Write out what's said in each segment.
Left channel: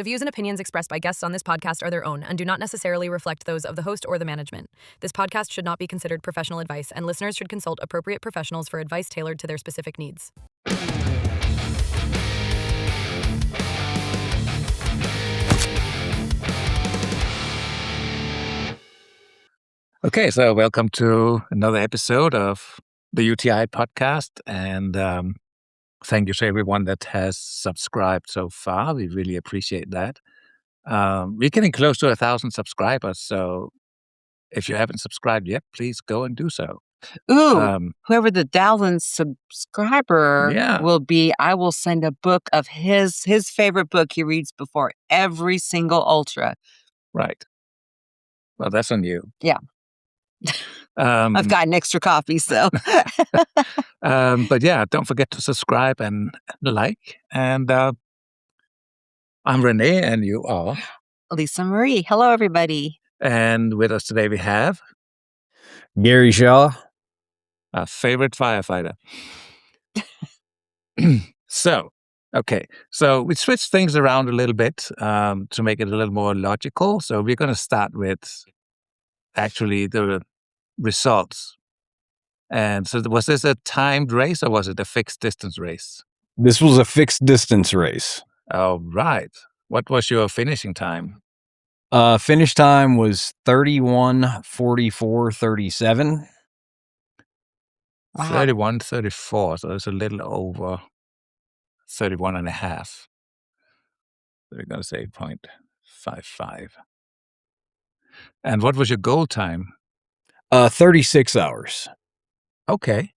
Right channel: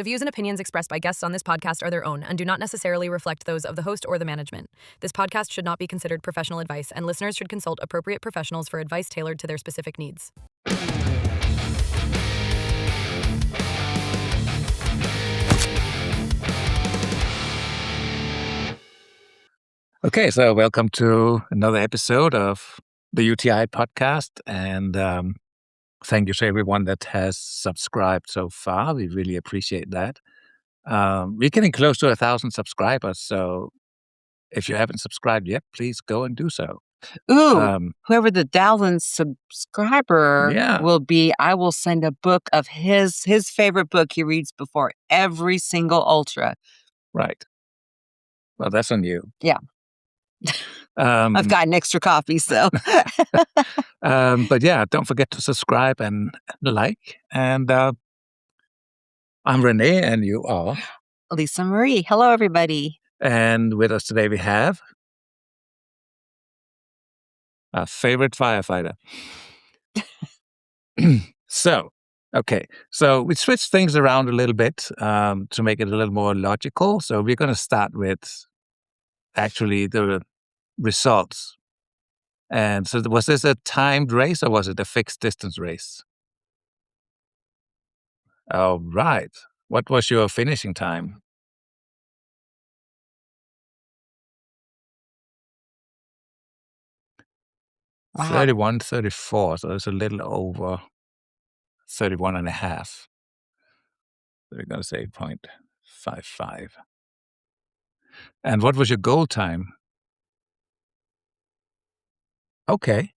The views and opinions expressed by guests on this podcast are their own and do not necessarily reflect those of the host or the management. This podcast should not be considered professional advice, and listeners should consult appropriate professionals for advice tailored to their specific needs. Okay, so welcome to another episode of the UTI podcast, and thank you to everyone that has subscribed so far. We really appreciate that. We're getting close to 1,000 subscribers, so if you haven't subscribed yet, please go and do so. Ooh, whoever the 1,000th subscriber Yeah. will be, I will send a book of his favorite book he reads before every single ultra. Right. Well, that's on you. Yeah. I've got an extra copy, so. But yeah, don't forget to subscribe and like. And I'm Renee, and you are Lisa Marie. Hello, everybody. And with us today we have Gary Shaw, our favorite firefighter. So we switched things around a little bit to make it a little more logical. So we're going to start with actually the results. And so was this a timed race or was it a fixed distance race? This was a fixed distance race. Oh, right. What was your finishing time? Finish time was 31:44:37. Wow. 31:34, so it's a little over 31 and a half. So we're going to say 0.55. And what was your goal time? 36 hours. Okay.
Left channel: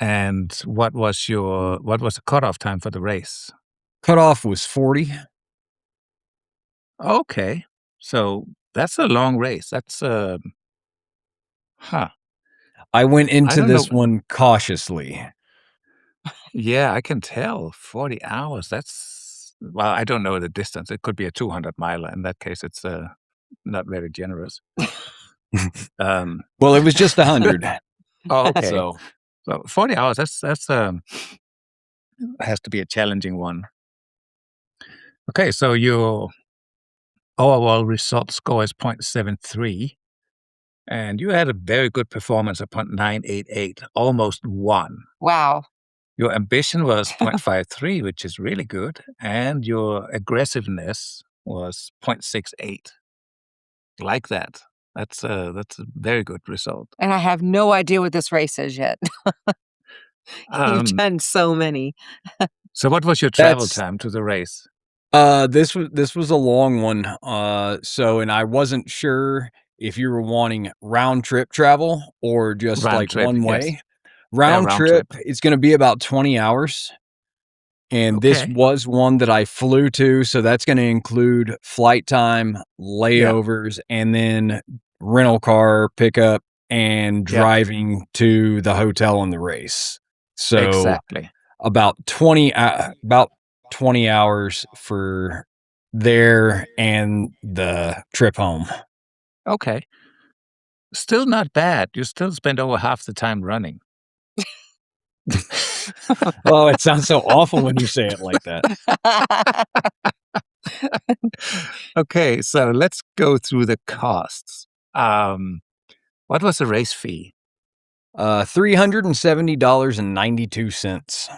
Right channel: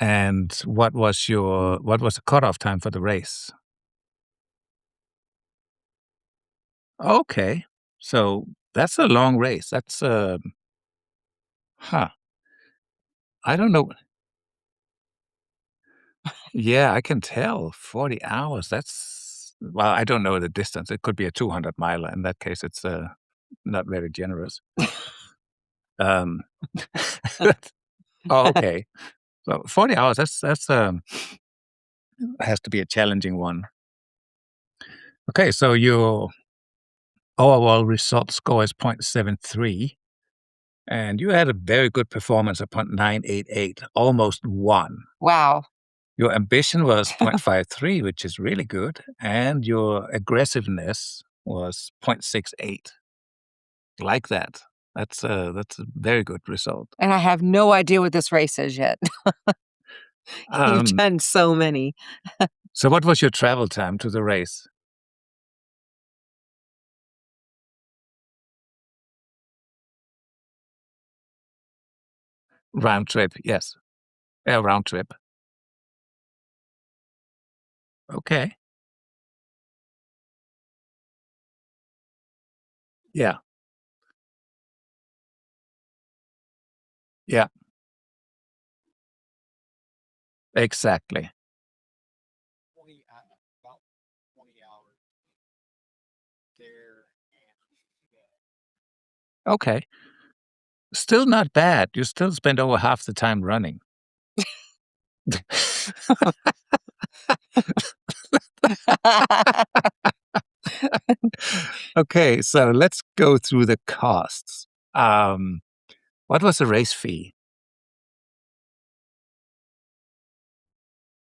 And what was the cutoff time for the race? Cutoff was 40. Okay. So that's a long race. That's I went into this one cautiously. Yeah, I can tell. 40 hours. Well, I don't know the distance. It could be a 200 miler. In that case, it's not very generous. Well, it was just 100. Oh, okay. So 40 hours, that's has to be a challenging one. Okay, so your overall result score is 0.73, and you had a very good performance of 0.988, almost 1. Wow. Your ambition was 0.53, which is really good, and your aggressiveness was 0.68. Like that. That's a very good result. And I have no idea what this race is yet. You've done so many. So what was your travel time to the race? This was a long one. And I wasn't sure if you were wanting round trip travel or just Round like trip, one yes. way. Round round trip, trip. it's going to be about 20 hours. And this Okay. was one that I flew to, so that's going to include flight time, layovers, and then rental car pickup and Yeah. driving to the hotel on the race. So Exactly. about 20 hours for there and the trip home. Okay. Still not bad. You still spend over half the time running. Oh, it sounds so awful when you say it like that. Okay, so let's go through the costs. What was the race fee? $370.92.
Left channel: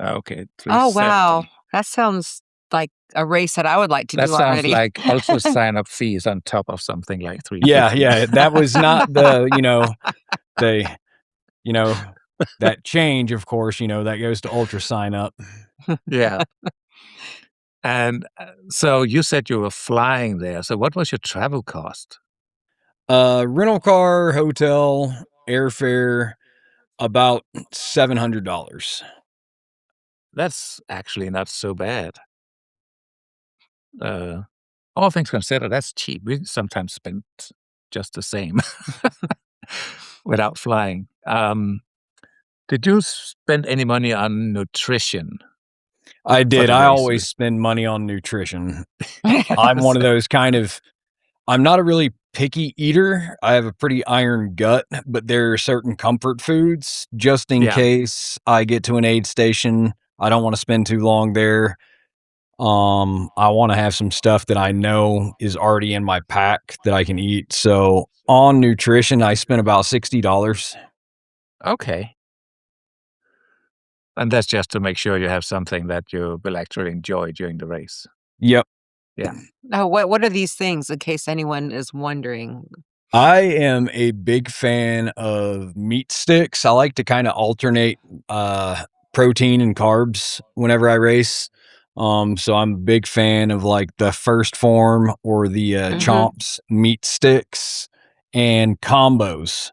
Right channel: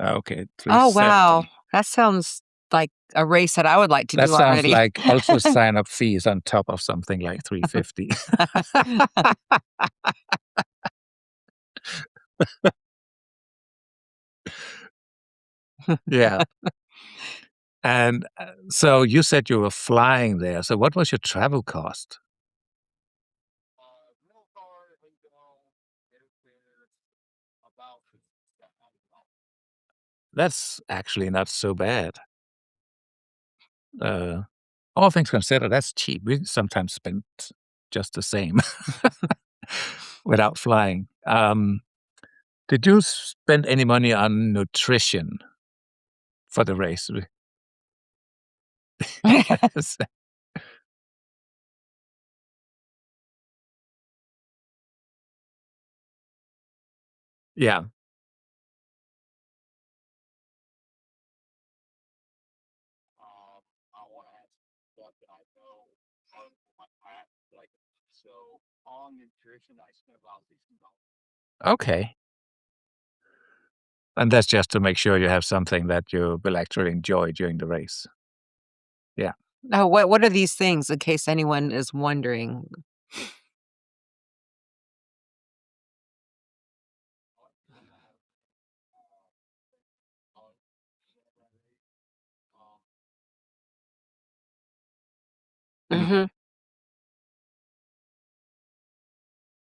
Okay. Oh, wow. $370. That sounds like a race that I would like to That do sounds already. like also sign-up fees on top of something like $350. Yeah, that was not that change, of course, that goes to ultra sign up. Yeah. And so you said you were flying there. So what was your travel cost? Rental car, hotel, airfare, about $700. That's actually not so bad. All things considered, that's cheap. We sometimes spend just the same without flying. Did you spend any money on nutrition? I did. the I race. always spend money on nutrition. I'm one of those I'm not a really picky eater. I have a pretty iron gut, but there are certain comfort foods just in Yeah. case I get to an aid station. I don't want to spend too long there. I want to have some stuff that I know is already in my pack that I can eat. So on nutrition, I spent about $60. Okay. And that's just to make sure you have something that you will actually enjoy during the race. Yep. Yeah. Now, what are these things in case anyone is wondering? I am a big fan of meat sticks. I like to kind of alternate protein and carbs whenever I race. So I'm a big fan of like the first form or the Hmm. chomps meat sticks and combos.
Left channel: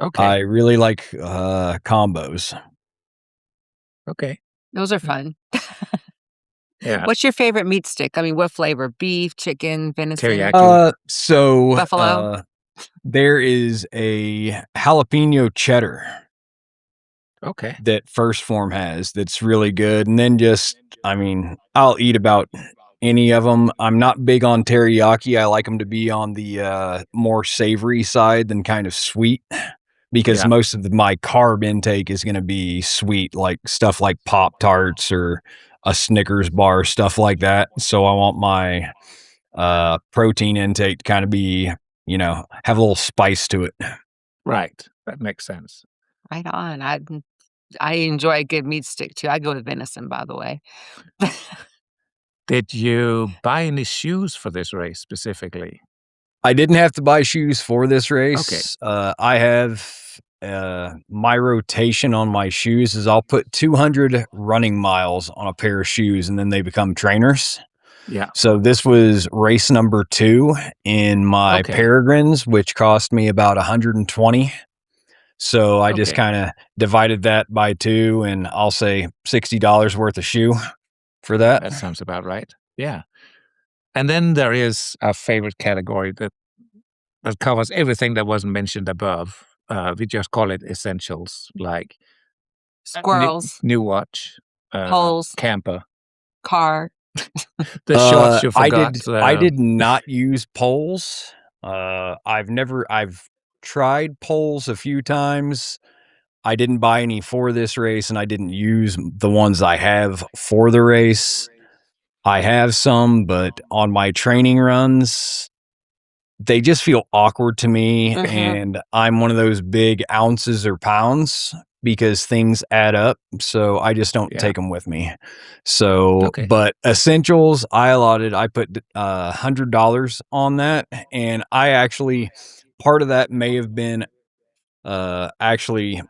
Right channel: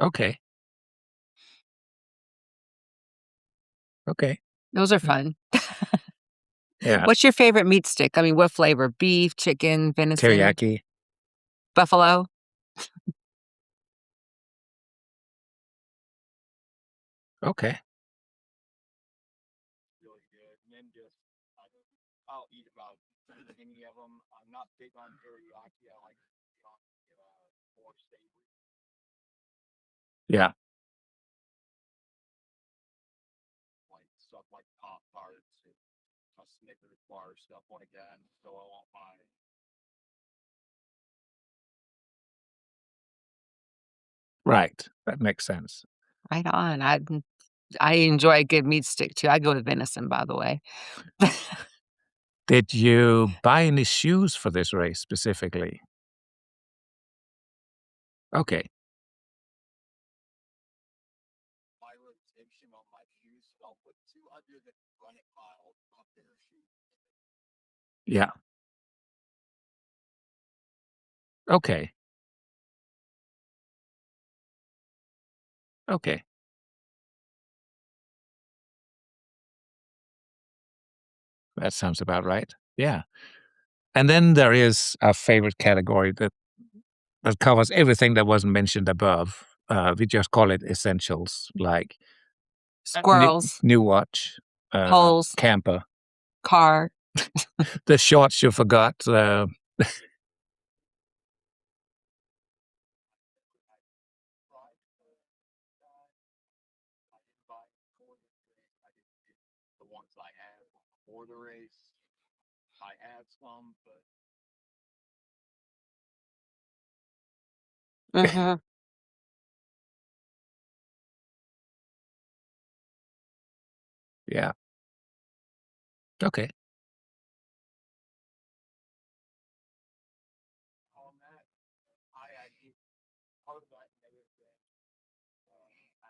I Okay. really like combos. Okay. Those are fun. Yeah. What's your favorite meat stick? I mean, what flavor? Beef, chicken, venison, Teriyaki. So buffalo? there is a jalapeno cheddar Okay. that first form has that's really good. And then just, I mean, I'll eat about any of them. I'm not big on teriyaki. I like them to be on the more savory side than kind of sweet because Yeah. most of my carb intake is going to be sweet, like stuff like Pop Tarts or a Snickers bar, stuff like that. So I want my protein intake to kind of be, have a little spice to it. Right. That makes sense. Right on. I enjoy a good meat stick too. I go with venison, by the way. Did you buy any shoes for this race specifically? I didn't have to buy shoes for this Okay. race. I have my rotation on my shoes is I'll put 200 running miles on a pair of shoes and then they become trainers. Yeah. So this was race number 2 in my Okay. Peregrines, which cost me about 120. So I just Okay. kind of divided that by 2 and I'll say $60 worth of shoe for that. That sounds about right. Yeah. And then there is a favorite category that covers everything that wasn't mentioned above. We just call it essentials, like Squirrels, new watch, poles, camper, car. the shorts you I forgot. did not use poles. I've tried poles a few times. I didn't buy any for this race and I didn't use the ones I have for the race. I have some, but on my training runs, they just feel awkward to me. Hmm. And I'm one of those big ounces or pounds because things add up. So I just don't Yeah. take them with me. So, Okay. but essentials, I put $100 on that. And part of that may have been actually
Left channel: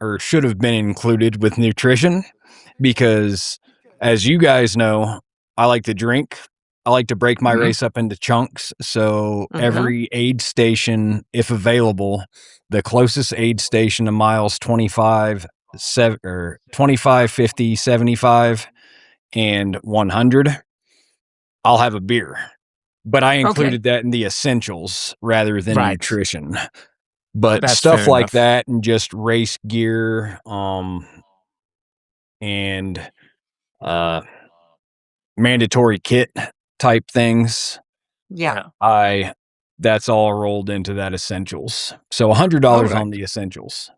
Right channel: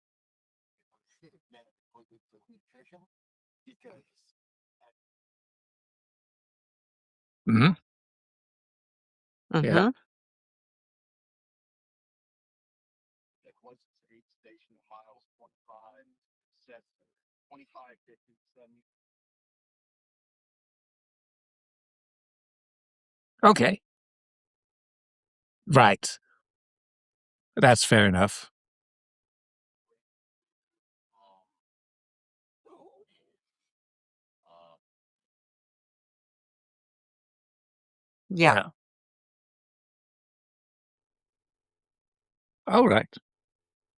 or should have been included with nutrition because as you guys know, I like to drink. I like to break my Hmm. race up into chunks. So Hmm. every aid station, if available, the closest aid station to miles 25, 25, 50, 75, and 100, I'll have a beer. But I Okay. included that in the essentials rather than Right. nutrition. But That's fair stuff like enough. that and just race gear, and uh, mandatory kit type things. Yeah. Yeah. I That's all rolled into that essentials. So All $100 right. on the essentials.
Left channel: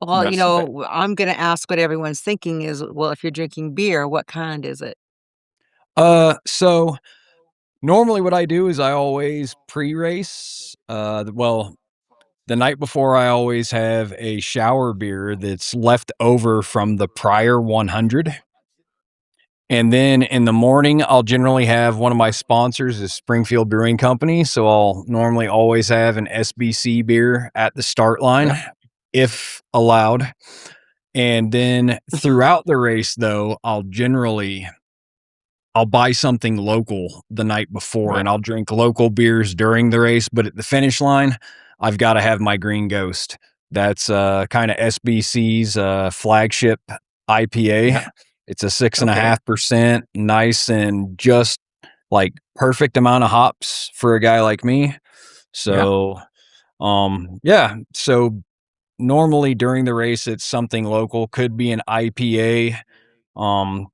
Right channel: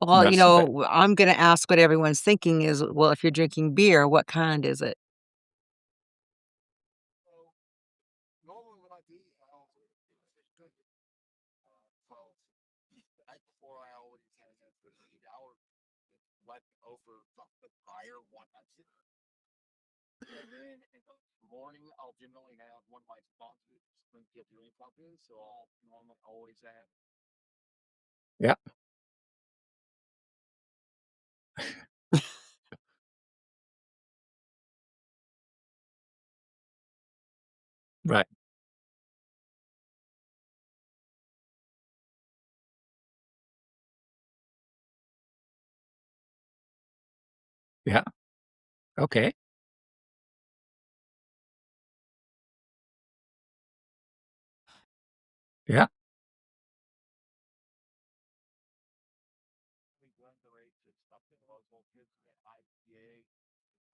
Well, That's that. I'm going to ask what everyone's thinking is, well, if you're drinking beer, what kind is it? So normally what I do is I always pre-race. The night before I always have a shower beer that's left over from the prior 100. And then in the morning, I'll generally have one of my sponsors is Springfield Brewing Company. So I'll normally always have an SBC beer at the start line Yeah. if allowed. And then throughout the race, though, I'll buy something local the night before Right. and I'll drink local beers during the race. But at the finish line, I've got to have my Green Ghost. That's kind of SBC's flagship IPA. Yeah. It's a six and a Okay. half percent, nice and just like perfect amount of hops for a guy like me. Yeah. So, yeah. So normally during the race, it's something local. Could be an IPA,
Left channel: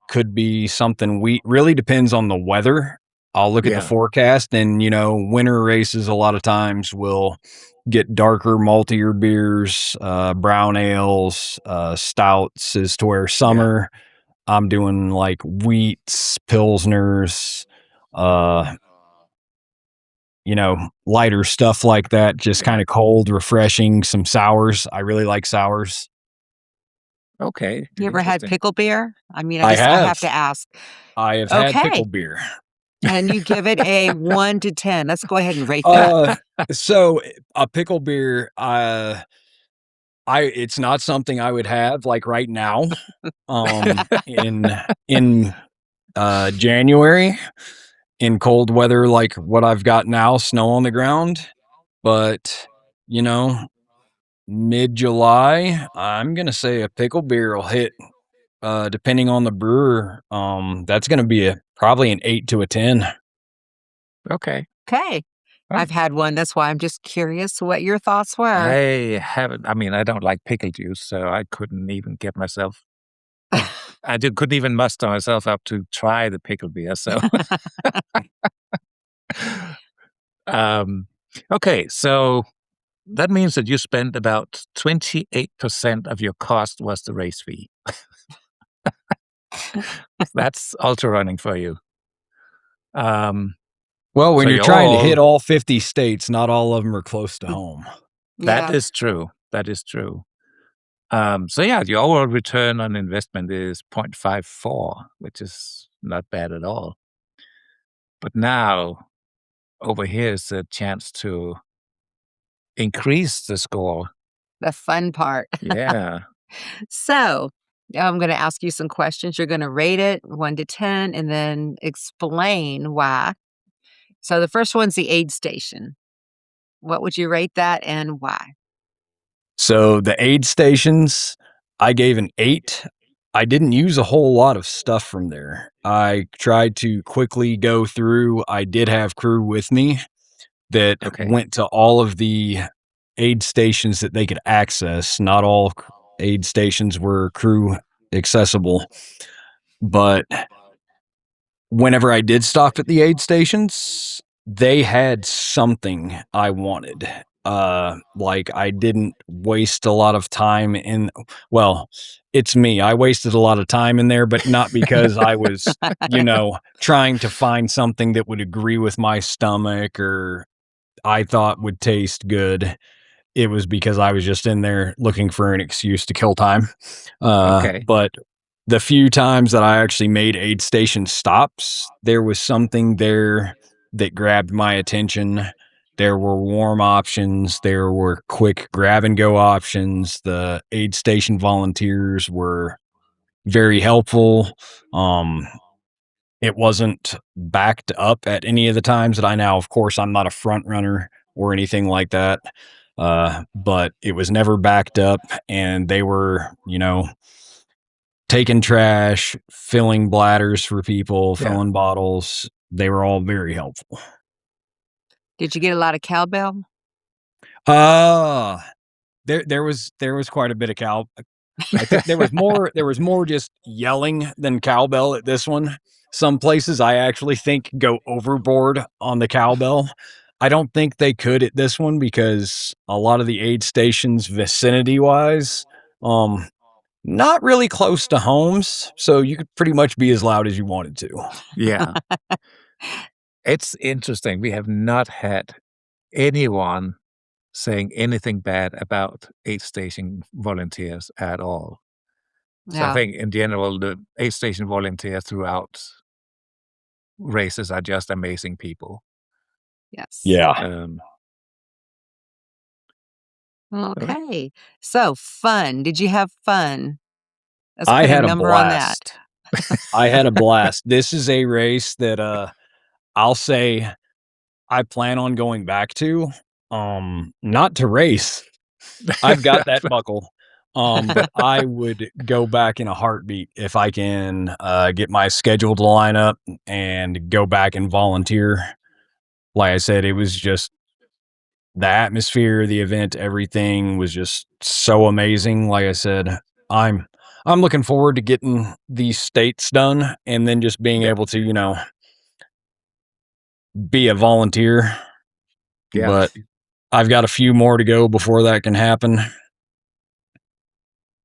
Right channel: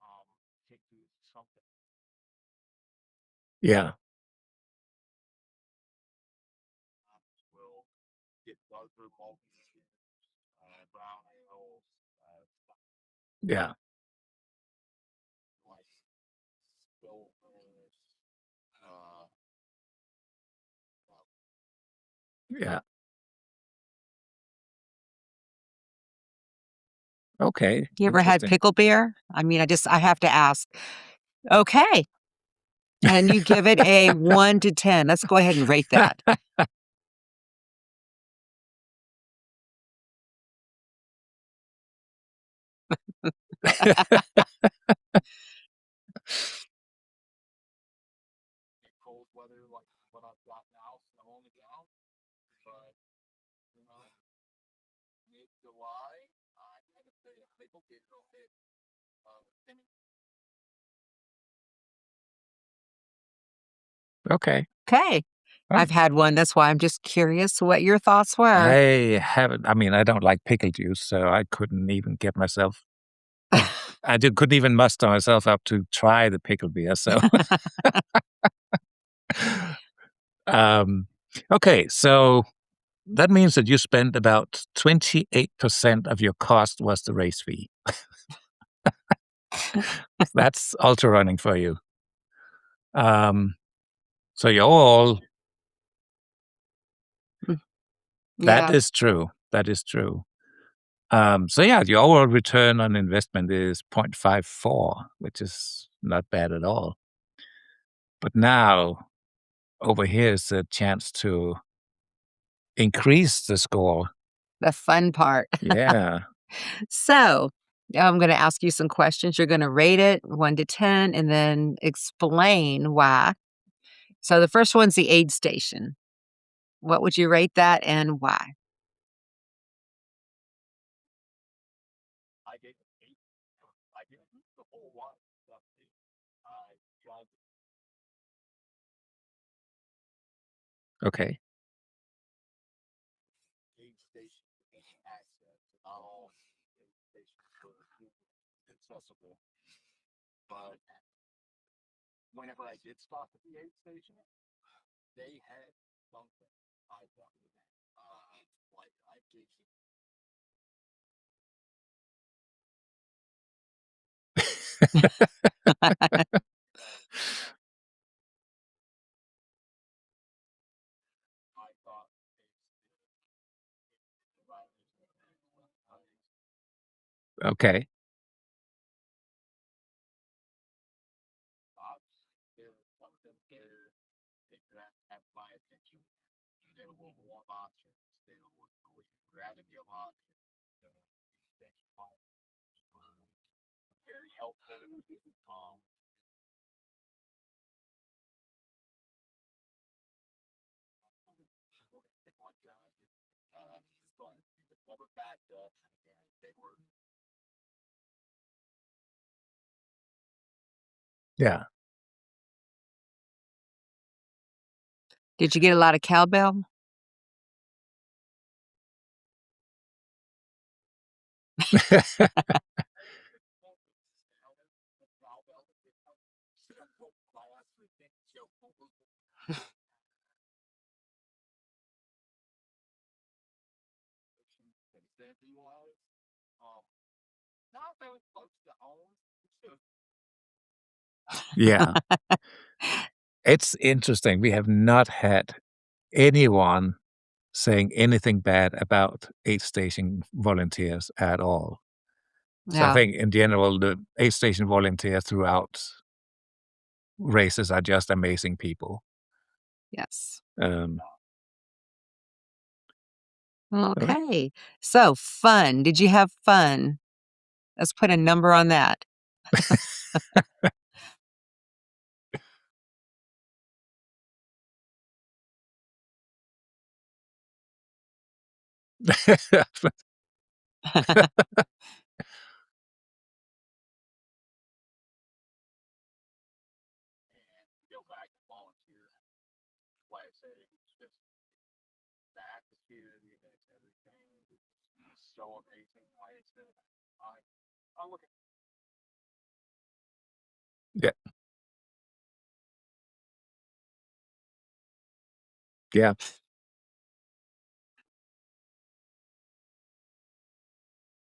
could be something wheat. Really depends on the weather. I'll look at the Yeah. forecast and, winter races a lot of times will get darker, maltier beers, brown ales, stouts is to where Yeah. summer, I'm doing like wheats, pilsners, uh, lighter stuff like that. Just Yeah. kind of cold, refreshing. Some sours. I really like sours. Okay. You ever had Interesting. pickle beer? I mean, I I have have. to ask. I have had Okay. pickle beer. And you give it a 1 to 10. Let's go ahead and rate that. So a pickle beer, it's not something I would have like right now. In January, in cold weather like what I've got now, snow on the ground. But you know, mid-July, I'm gonna say a pickle beer will hit. Depending on the brewer, that's gonna be probably an 8 to a 10. Okay. Okay. Well, I've had one. That's why I'm just curious what your thoughts were. I haven't. I mean, I don't like pickle juice, so I couldn't even get myself. Couldn't even muster myself up to try the pickle beer. So, um, okay. So that means that you spent about 28% of your cost was the race fee. That's ultra running for you. Um, Well, when so you're you're trying to hit all. all 50 states, not all of them are close to home. That Yeah. is true. That is true. So yeah, the overall return on investment is 0.54, which is not bad at all. But now over here is a chance to increase the score. The fun part. Yeah. So, I'm going to ask you some questions. You're going to rate it 1 to 10 and then explain why. So, the first one's the aid station. What would you rate that and why? So the aid stations, I gave an 8. I didn't use a whole lot of stuff from there. I tried to quickly go through. I did have crew with me that Okay. went to all of the aid stations that they could access. Not all aid stations were crew accessible, but whenever I did stop at the aid stations, they had something I wanted. Like I didn't waste a lot of time in well, it's me. I wasted a lot of time in there, but not because I was, trying to find something that would agree with my stomach or I thought would taste good. It was because I was just in there looking for an excuse to kill time. Okay. But the few times that I actually made aid station stops, there was something there that grabbed my attention. There were warm options. There were quick grab and go options. The aid station volunteers were very helpful. Um, it wasn't backed up at any of the times that I now, of course, I'm not a front runner or anything like that. But it was never backed up and they were, taking trash, filling bladders for people, Yeah. filling bottles. They were all very helpful. Did you get a lot of cowbell? Uh there was quite a bit of I think there was more just yelling than cowbell at this one. Some places I actually think go overboard on the cowbell. I don't think they could at this one because a lot of the aid stations vicinity wise, um, not really close to homes, so you could pretty much be as loud as you wanted to. Yeah. It's interesting. We have not had anyone saying anything bad about aid station volunteers at all. So I Yeah. think in general, the aid station volunteers throughout races are just amazing people. Yes. Yeah. Um, all right. Okay. So, fun. Did you have fun? Let's I put a had a number on that. blast. I had a blast. This is a race that, I'll say I plan on going back to, not to race. I've got that buckle. But I would go back in a heartbeat if I can, get my schedule to line up and go back and volunteer. Like I said, it was just the atmosphere, the event, everything was just so amazing. Like I said, I'm I'm looking forward to getting these states done and then just being Yeah. able to, be a volunteer. Yeah. But I've got a few more to go before that can happen.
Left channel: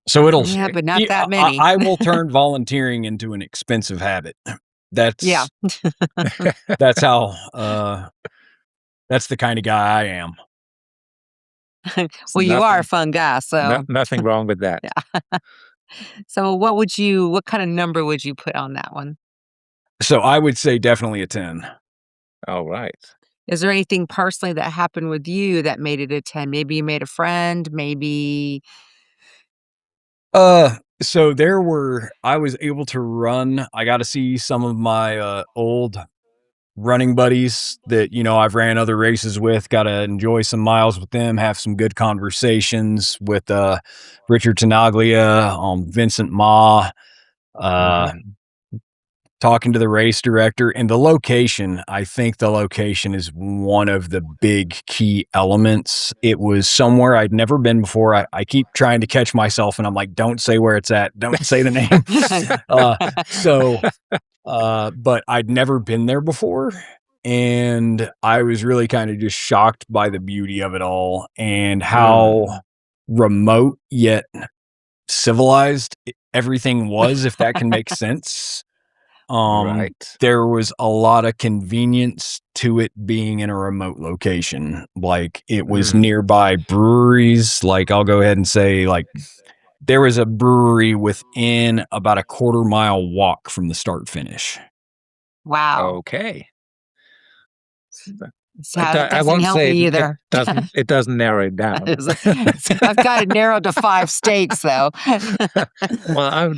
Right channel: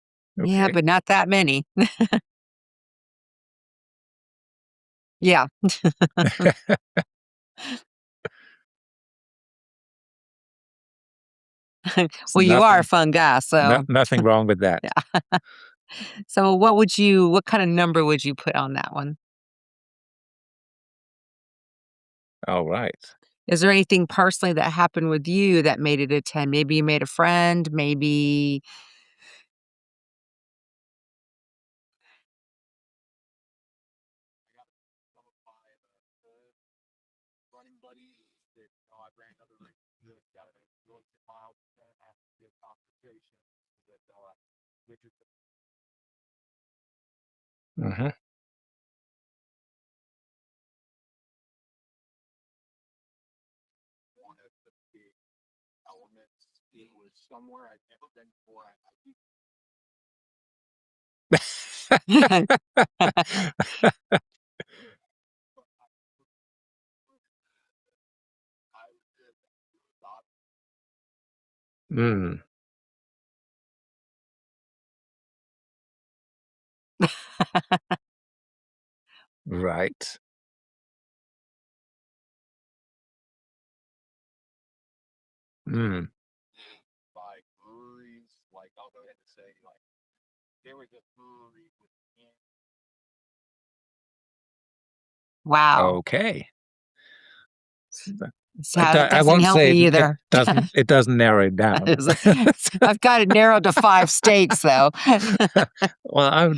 So it'll Yeah, but not e that many. I will turn volunteering into an expensive habit. Yeah. That's that's how, that's the kinda guy I am. Well, you are a Nothing, fun guy, so nothing wrong with that. yeah. So what kind of number would you put on that one? So I would say definitely a 10. All right. Is there anything personally that happened with you that made it a 10? Maybe you made a friend, maybe So I was able to run. I got to see some of my, old running buddies that, I've ran other races with, got to enjoy some miles with them, have some good conversations with, Richard Tenaglia, Vincent Ma, uh, Mhm. talking to the race director and the location. I think the location is one of the big key elements. It was somewhere I'd never been before. I keep trying to catch myself and I'm like, don't say where it's at. Don't say the name. uh, so, but I'd never been there before. And I was really kind of just shocked by the beauty of it all and how Mm, remote yet civilized everything was, if that can make sense. right. There was a lot of convenience to it being in a remote location. Like, it was Mm, nearby breweries. Like, I'll go ahead and say, like, there was a brewery within about a quarter-mile walk from the start finish. wow. okay. So that I doesn't won't help say me either. it doesn't narrow it down. I've got it narrowed to 5 states, though. Well,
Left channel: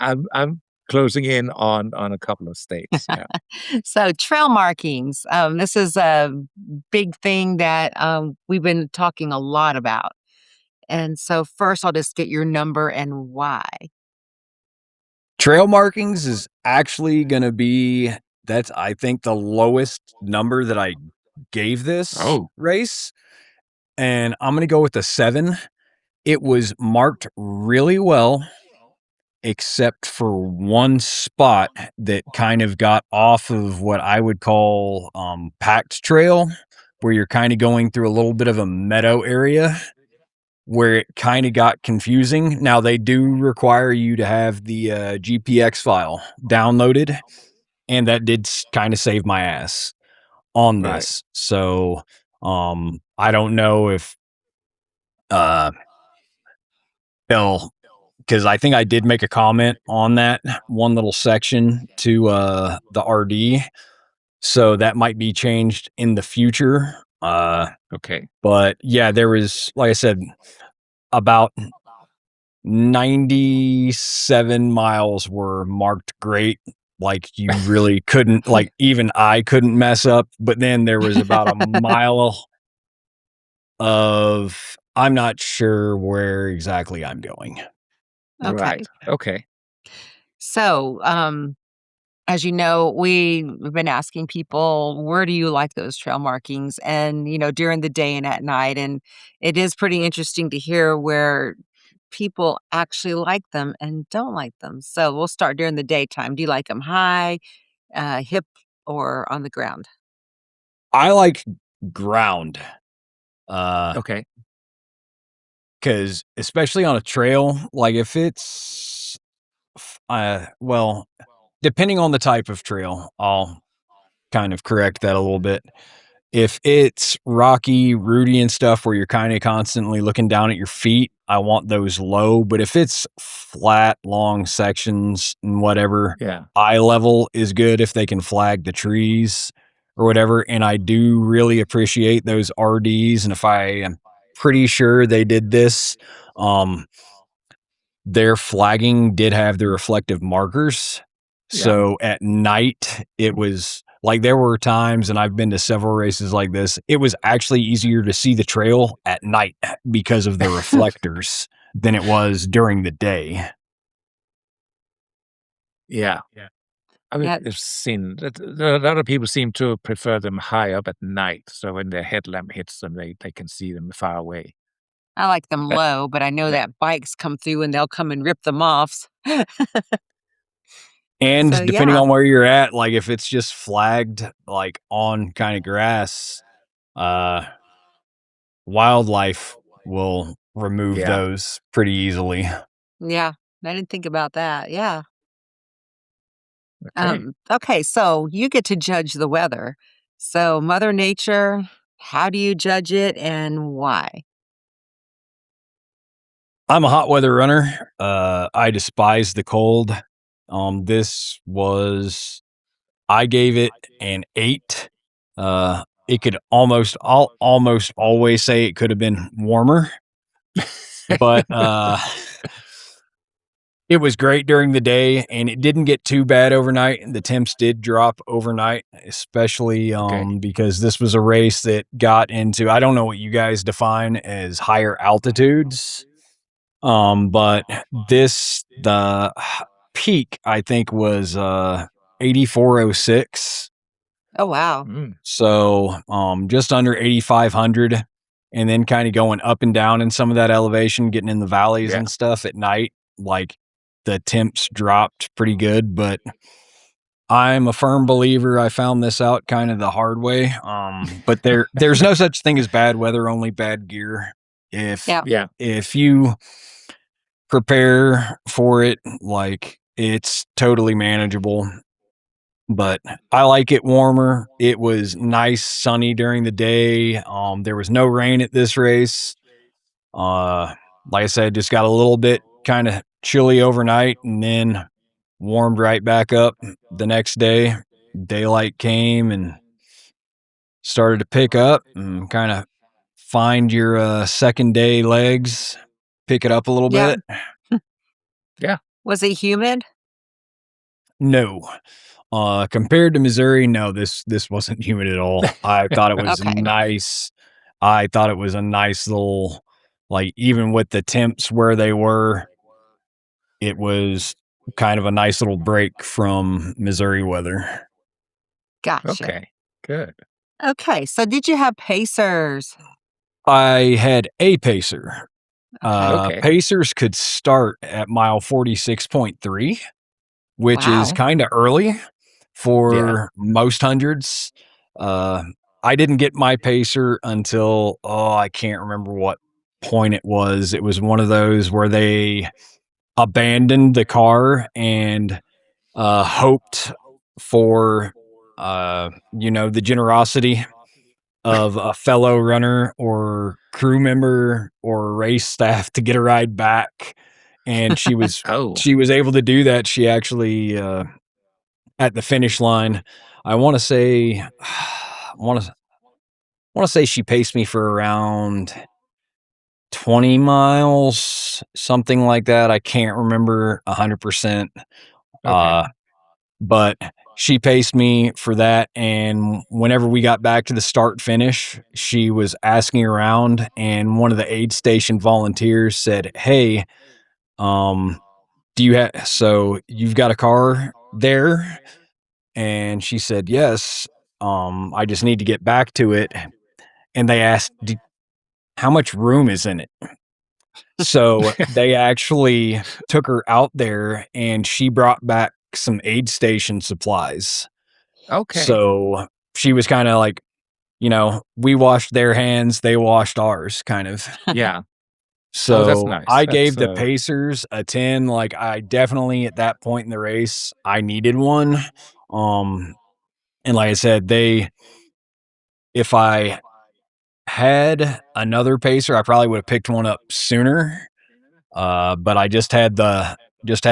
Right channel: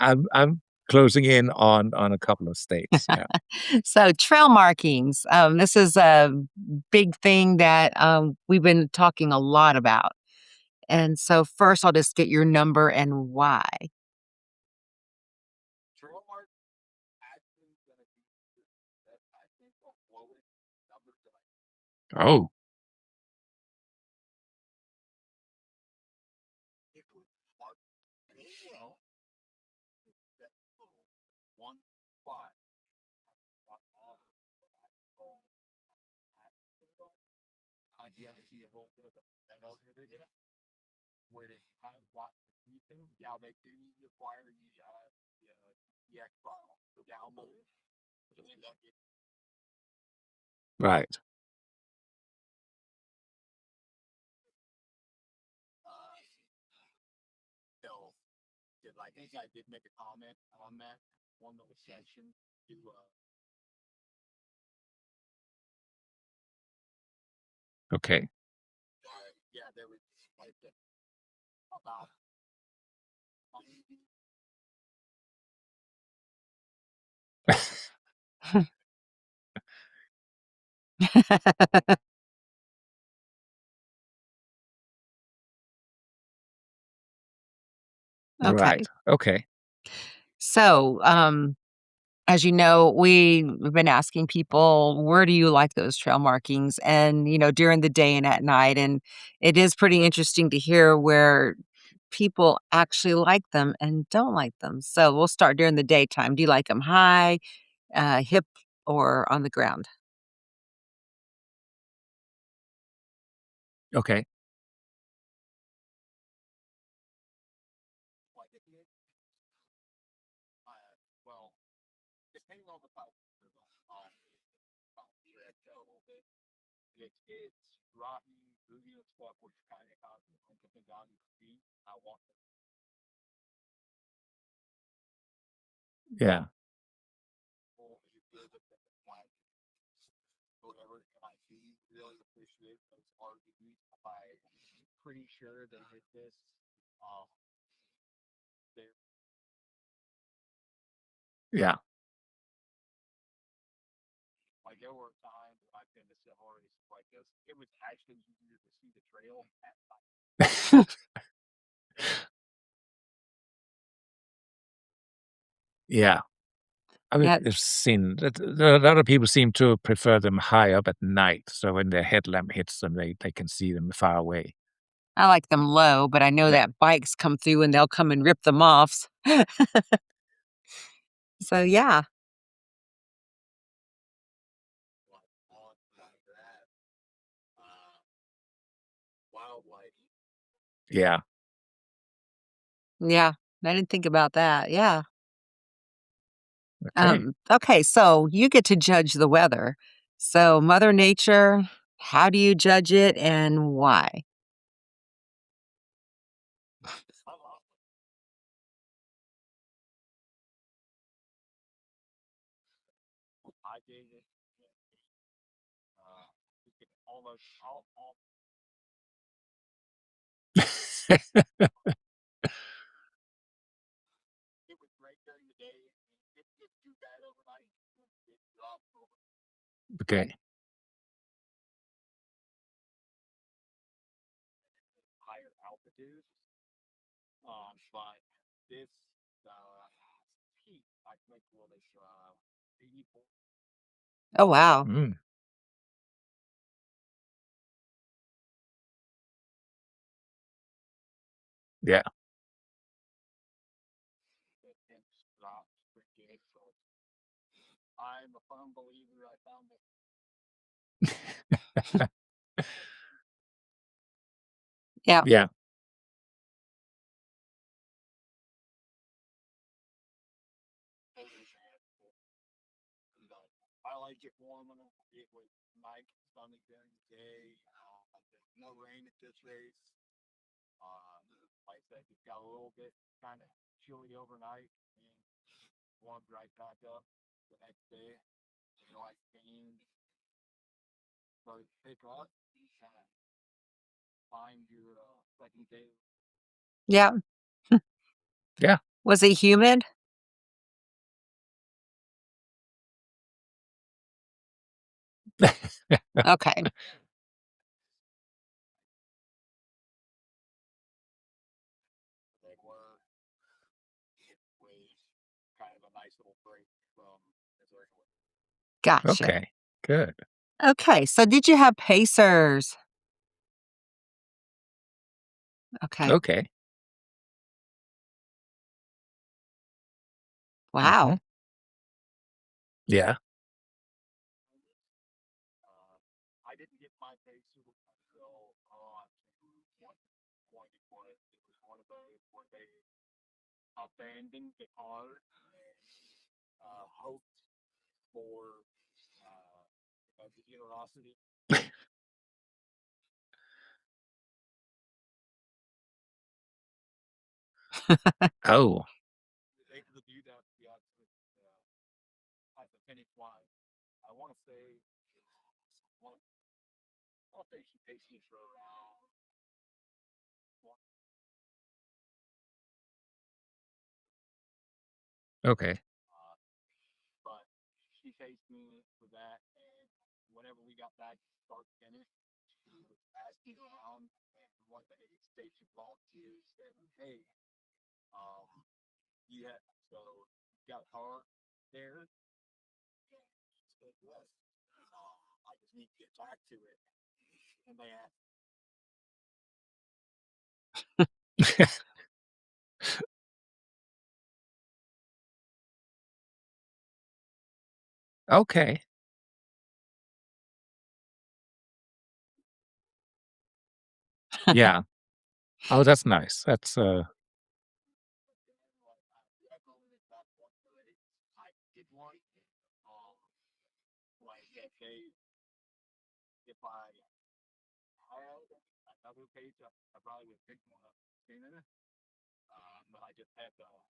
I'm closing in on a couple of states. Yeah. So, trail markings, this is a big thing that, we've been talking a lot about. And so first, I'll just get your number and why. Trail markings is actually gonna be that's, I think, the lowest number that I gave this Oh, race, and I'm gonna go with a 7. It was marked really well, except for one spot that kind of got off of what I would call, packed trail, where you're kinda going through a little bit of a meadow area where it kinda got confusing. Now they do require you to have the, GPX file downloaded, and that did kinda save my ass on right. this. So, I don't know if, uh, they'll 'cause I think I did make a comment on that one little section to, the RD, so that might be changed in the future, Okay. but yeah, there was, like I said, about 97 miles were marked great, like, you really couldn't like, even I couldn't mess up, but then there was about a mile of, "I'm not sure where exactly I'm going." Right. Okay. Okay. So, as you know, we've been asking people, where do you like those trail markings? And, during the day and at night. And it is pretty interesting to hear where people actually like them and don't like them. So we'll start during the daytime. Do you like them high, hip, or on the ground? I like ground, uh, Okay. because especially on a trail, like, if it's well, depending on the type of trail, I'll kind of correct that a little bit. If it's rocky, rooty and stuff where you're kinda constantly looking down at your feet, I want those low, but if it's flat, long sections and whatever, Yeah. eye level is good if they can flag the trees or whatever, and I do really appreciate those RDs, and if I am pretty sure they did this, um, their flagging did have the reflective markers. Yeah. So at night, it was like there were times, and I've been to several races like this, it was actually easier to see the trail at night because of the reflectors than it was during the day. Yeah. I mean, Yeah, I've seen that a lot of people seem to prefer them high up at night, so when their headlamp hits them, they can see them far away. I like them Uh, low, but I know uh, that bikes come through and they'll come and rip them off. So, And depending yeah. on where you're at, like if it's just flagged like on kind of grass, uh wildlife will remove yeah. those pretty easily. Yeah, I didn't think about that. Yeah. Okay. Okay, so you get to judge the weather. So, Mother Nature, how do you judge it and why? I'm a hot weather runner. I despise the cold. This was I gave it an 8. It could I'll almost always say it could have been warmer, but it was great during the day and it didn't get too bad overnight. The temps did drop overnight, especially Okay. because this was a race that got into, I don't know what you guys define as higher altitudes. But the peak I think was 8406. Oh, wow. Mm, So, just under 8,500, and then kind of going up and down in some of that elevation, getting in the valleys yeah. and stuff at night, like the temps dropped pretty good. But I'm a firm believer. I found this out kind of the hard way. But there's no such thing as bad weather, only bad gear. If Yeah. Yeah. if you prepare for it, like it's totally manageable. But I like it warmer. It was nice, sunny during the day. There was no rain at this race. Uh, like I said, just got a little bit kind of chilly overnight and then warmed right back up the next day. Daylight came and started to pick up and kind of find your second day legs, pick it up a little Yeah. bit. Yeah. Was it humid? No. Compared to Missouri, no, this wasn't humid at all. I thought it was Okay. nice. I thought it was a nice little, like, even with the temps where they were, it was kind of a nice little break from Missouri weather. Gotcha. Okay. Good. Okay, so did you have pacers? I had a pacer. Okay. Okay. Pacers could start at mile 46.3, which is Wow. kind of early Yeah. for most hundreds. Uh, I didn't get my pacer until, I can't remember what point it was. It was one of those where they abandoned the car and hoped for, the generosity of a fellow runner or crew member or race staff to get a ride back. And Oh, she was able to do that. She actually, at the finish line, I want to say, want to say she paced me for around 20 miles, something like that. I can't remember 100%. okay. Uh, but she paced me for that. And whenever we got back to the start finish, she was asking around, and one of the aid station volunteers said, "Hey, um, do you have, so you've got a car there?" And she said, "Yes. I just need to get back to it." And they asked, "How much room is in it?" So they actually took her out there and she brought back some aid station supplies. Okay. So she was kind of like, we washed their hands, they washed ours, kind of. Yeah. Oh, that's So nice. I That's gave the Pacers a 10. Like, I definitely, at that point in the race, I needed one. Um, and like I said, if I had another pacer, I probably would have picked one up sooner. But I just had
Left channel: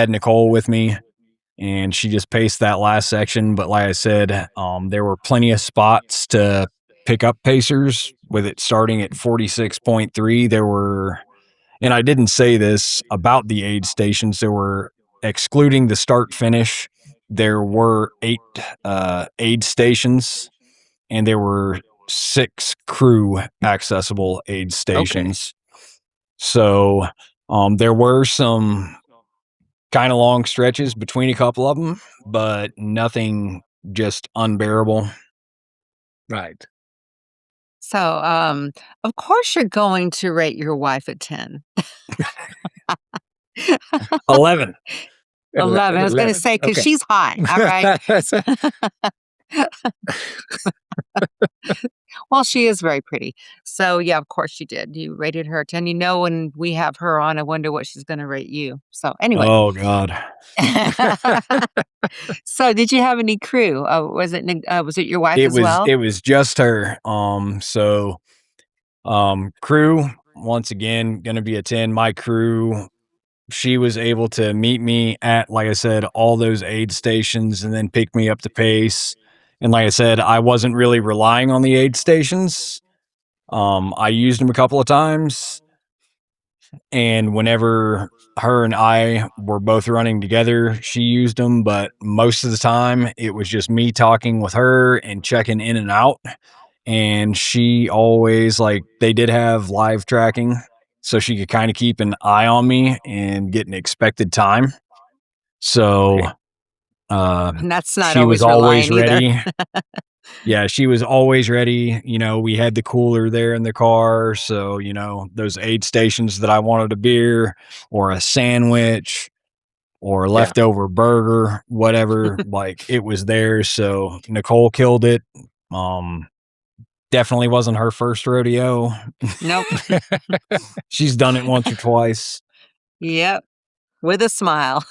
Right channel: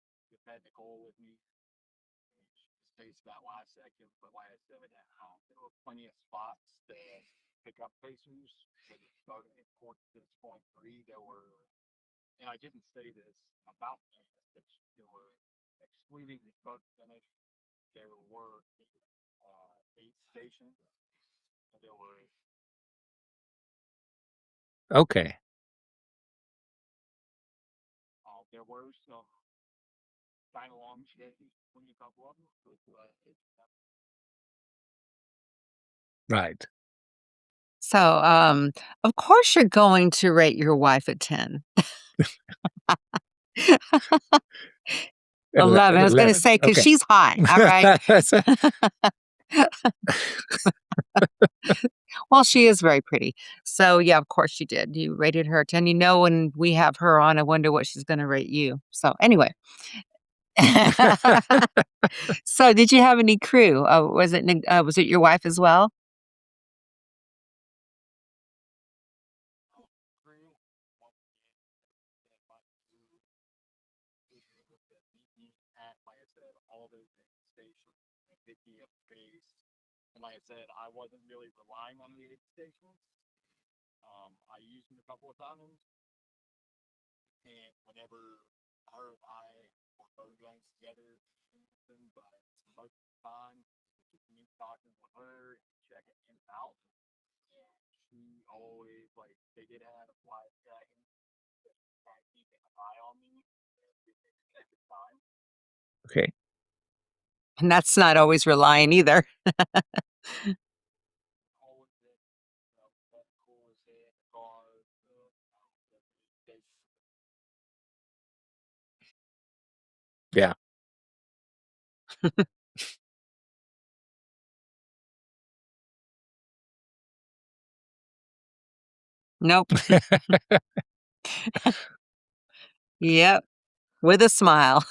Nicole with me, and she just paced that last section. But like I said, there were plenty of spots to pick up pacers with it starting at 46.3. There were, and I didn't say this about the aid stations. There were, excluding the start finish, there were 8 aid stations, and there were 6 crew accessible aid okay. stations. So, there were some kind of long stretches between a couple of them, but nothing just unbearable. Right. So, of course you're going to rate your wife a 10. 11. 11. I was gonna 11. say because Okay. she's high, all right? Well, she is very pretty. So, yeah, of course you did. You rated her a 10. You know, when we have her on, I wonder what she's gonna rate you. So, anyway. Oh god. So, did you have any crew? Was it your wife It as was well? it was just her. Crew, once again, gonna be a 10. My crew, she was able to meet me at, like I said, all those aid stations and then pick me up the pace. And like I said, I wasn't really relying on the aid stations. I used them a couple of times, and whenever her and I were both running together, she used them, but most of the time it was just me talking with her and checking in and out. And she always, like, they did have live tracking, so she could kind of keep an eye on me and get an expected time. So Okay. And that's not she was always always relying either. ready. Yeah, she was always ready. We had the cooler there in the car, so, those aid stations that I wanted a beer or a sandwich or a Yeah. leftover burger, whatever, like, it was there. So Nicole killed it. Um, Definitely wasn't her first rodeo. Nope. She's done it once or twice. Yep. With a smile.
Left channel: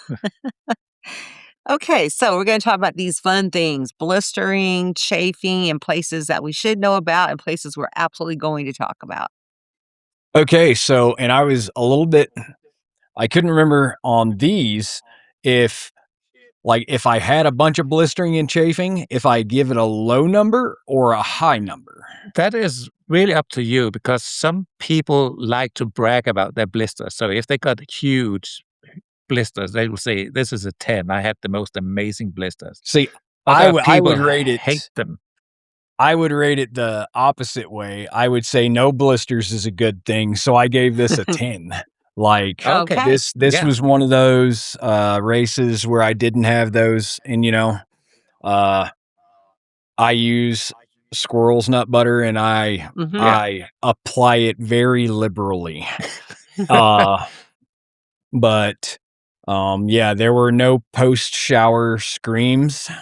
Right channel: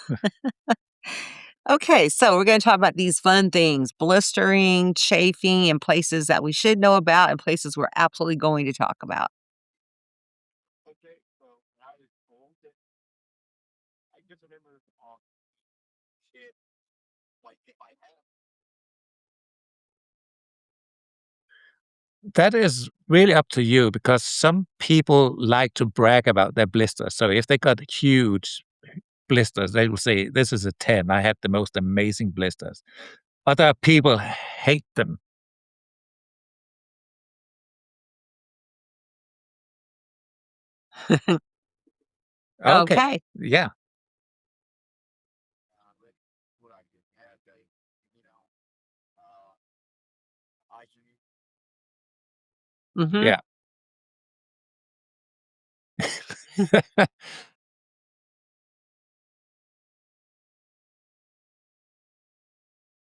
Okay, so we're gonna talk about these fun things, blistering, chafing, and places that we should know about and places we're absolutely going to talk about. Okay, so and I was a little bit I couldn't remember on these if if I had a bunch of blistering and chafing, if I give it a low number or a high number. That is really up to you because some people like to brag about their blisters. So if they got huge blisters, they will say, "This is a 10. I had the most amazing blisters." See, Other I people would rate hate it them. I would rate it the opposite way. I would say no blisters is a good thing, so I gave this a 10. Like, Okay. Okay. this Yeah. was one of those, races where I didn't have those, and, uh, I use squirrel's nut butter, and I Mhm. Yeah. I apply it very liberally. Uh, but, yeah, there were no post-shower screams That's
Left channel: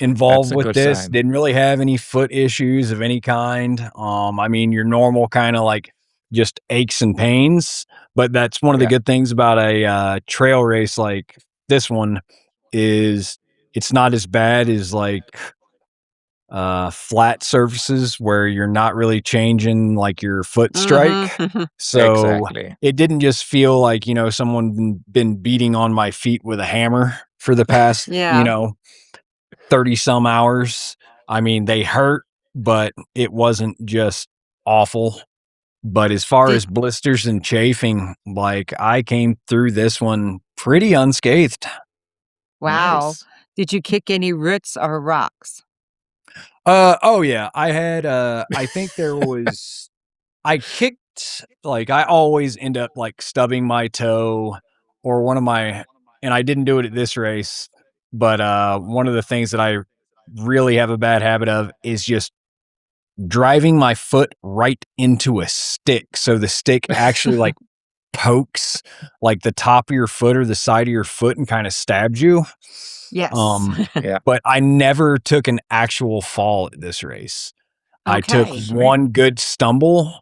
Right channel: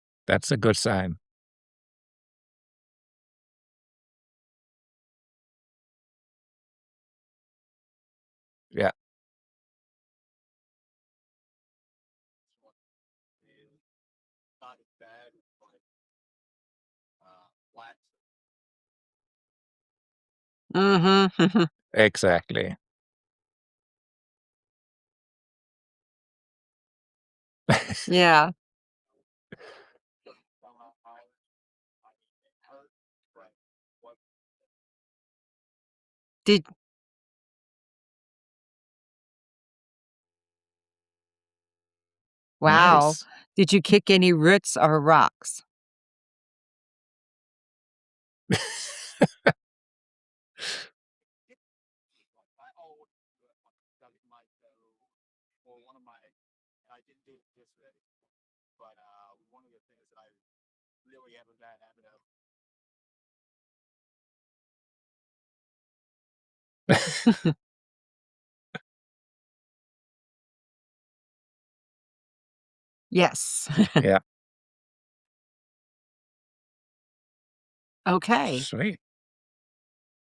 involved a with good this. sign. Didn't really have any foot issues of any kind. I mean, your normal kind of like just aches and pains. But that's one of the Yeah. good things about a trail race like this one is it's not as bad as like flat surfaces where you're not really changing like your foot strike. Mhm. So Exactly. it didn't just feel like, someone been beating on my feet with a hammer for the past, Yeah. 30 some hours. I mean, they hurt, but it wasn't just awful. But as far Did as blisters and chafing, like I came through this one pretty unscathed. Wow. Nice. Did you kick any roots or rocks? Oh yeah, I had I think there was I kicked like I always end up like stubbing my toe or one of my and I didn't do it at this race, but one of the things that I really have a bad habit of is just driving my foot right into a stick. So the stick actually like pokes like the top of your foot or the side of your foot and kind of stabs you. Yes. Um, Yeah. but I never took an actual fall at this race. I took Okay. Sweet. one good stumble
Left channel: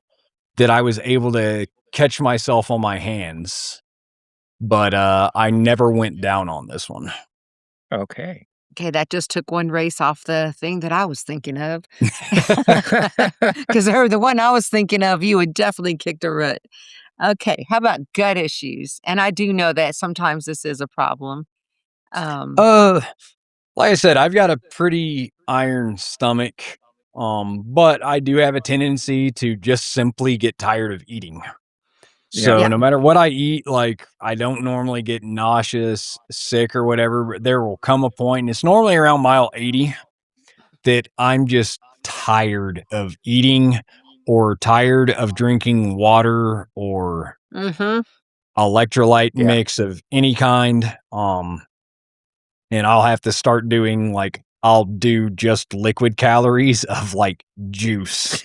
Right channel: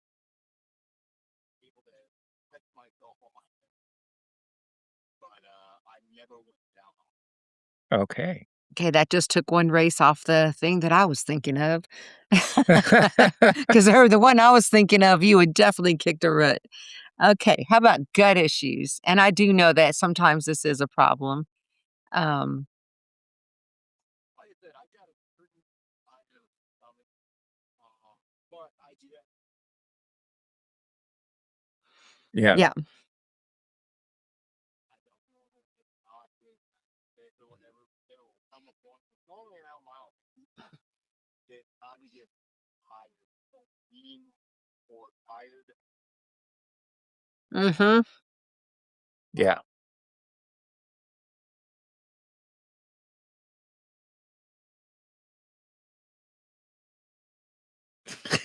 that I was able to catch myself on my hands, but I never went down on this one. Okay. Okay, that just took one race off the thing that I was thinking of. 'Cause the one I was thinking of, you would definitely kick the root. Okay, how about gut issues? And I do know that sometimes this is a problem. Um, uh Like I said, I've got a pretty iron stomach, but I do have a tendency to just simply get tired of eating. Yeah. So yeah. no matter what I eat, like I don't normally get nauseous, sick, or whatever. But there will come a point, and it's normally around mile 80, that I'm just tired of eating or tired of drinking water or Mhm. electrolyte Yeah. mix of any kind. And I'll have to start doing like I'll do just liquid calories of like juice.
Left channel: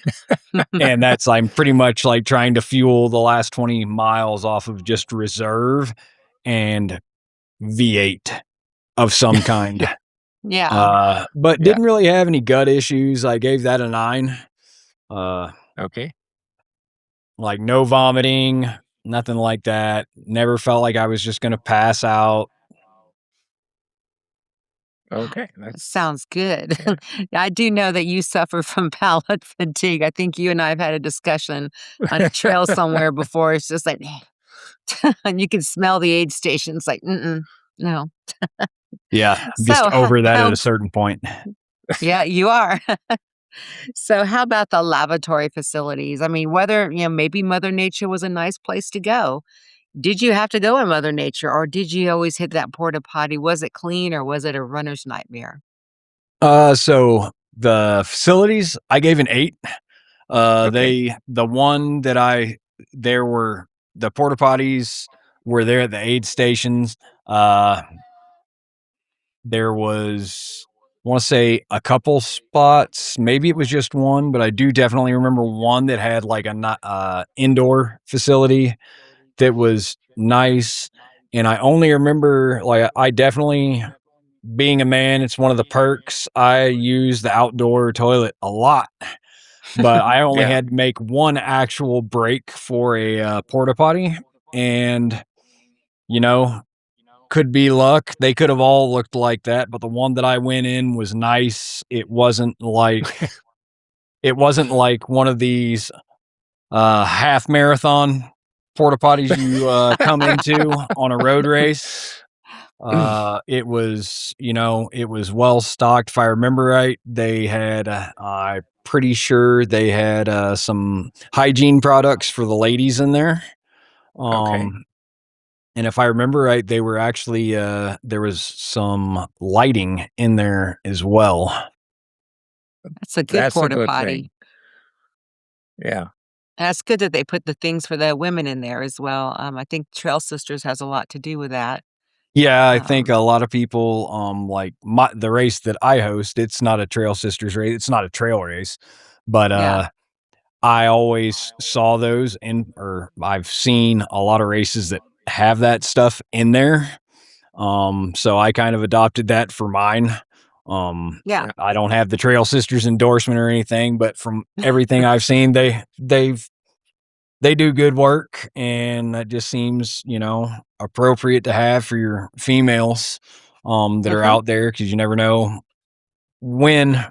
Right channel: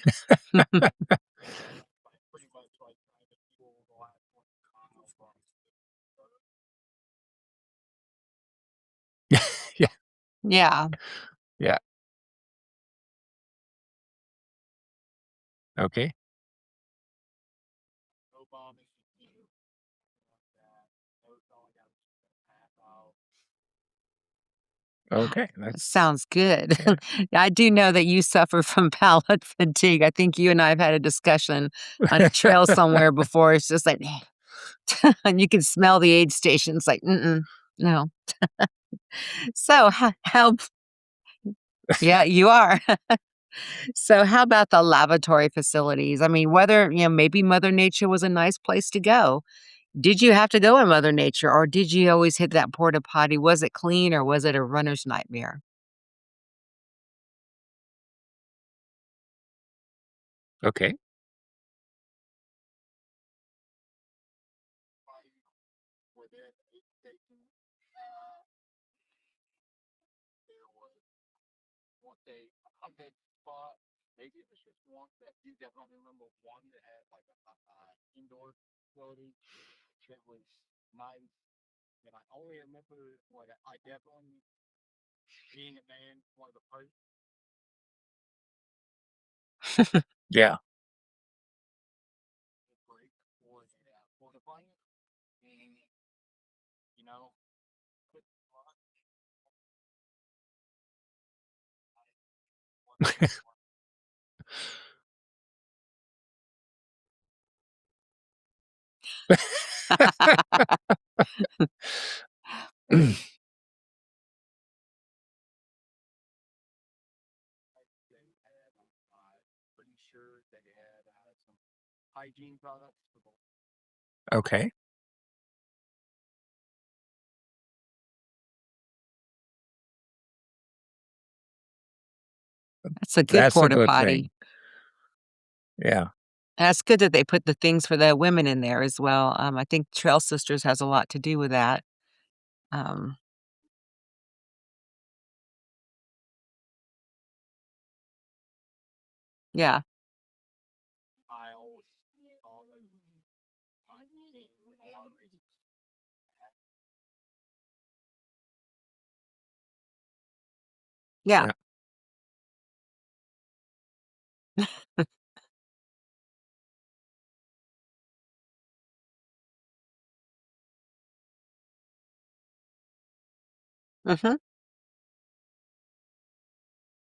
And that's I'm pretty much like trying to fuel the last 20 miles off of just reserve and V8 of some kind. Yeah. But Yeah. didn't really have any gut issues. I gave that a 9. Uh, Okay. like no vomiting, nothing like that. Never felt like I was just gonna pass out. Okay. Sounds good. Yeah. I do know that you suffer from palate fatigue. I think you and I have had a discussion on a trail somewhere before. It's just like, and you can smell the aid station. It's like, no. Yeah, just So, over that at how a certain point. yeah, you are. So, how about the lavatory facilities? I mean, whether, maybe Mother Nature was a nice place to go. Did you have to go in Mother Nature or did you always hit that porta potty? Was it clean or was it a runner's nightmare? So the facilities, I gave an 8. Okay. The one that there were the porta potties were there at the aid stations. Uh, there was, I want to say a couple spots. Maybe it was just one, but I do definitely remember one that had like a indoor facility that was nice. And I only remember, like, I definitely, being a man, it's one of the perks. I use the outdoor toilet a lot, but I only Yeah. had to make one actual break for a porta potty. And, you know, could be luck. They could have all looked like that, but the one that I went in was nice. It wasn't like one of these half marathon porta potties you come into on a road race. It was well stocked. If I remember right, they had, I'm pretty sure they had some hygiene products for the ladies in there. Okay. Um, and if I remember right, they were actually, there was some lighting in there as well. That's a good That's a porta good thing. potty. Yeah. That's good that they put the things for the women in there as well. I think Trail Sisters has a lot to do with that. Yeah, I think Um, a lot of people, like the race that I host, it's not a Trail Sisters race. It's not a trail race, but yeah, I always saw those or I've seen a lot of races that have that stuff in there. So I kind of adopted that for mine. yeah, Yeah. I don't have the Trail Sisters endorsement or anything, but from everything I've seen, they do good work, and that just seems, appropriate to have for your females that are mhm, out there, because you never know when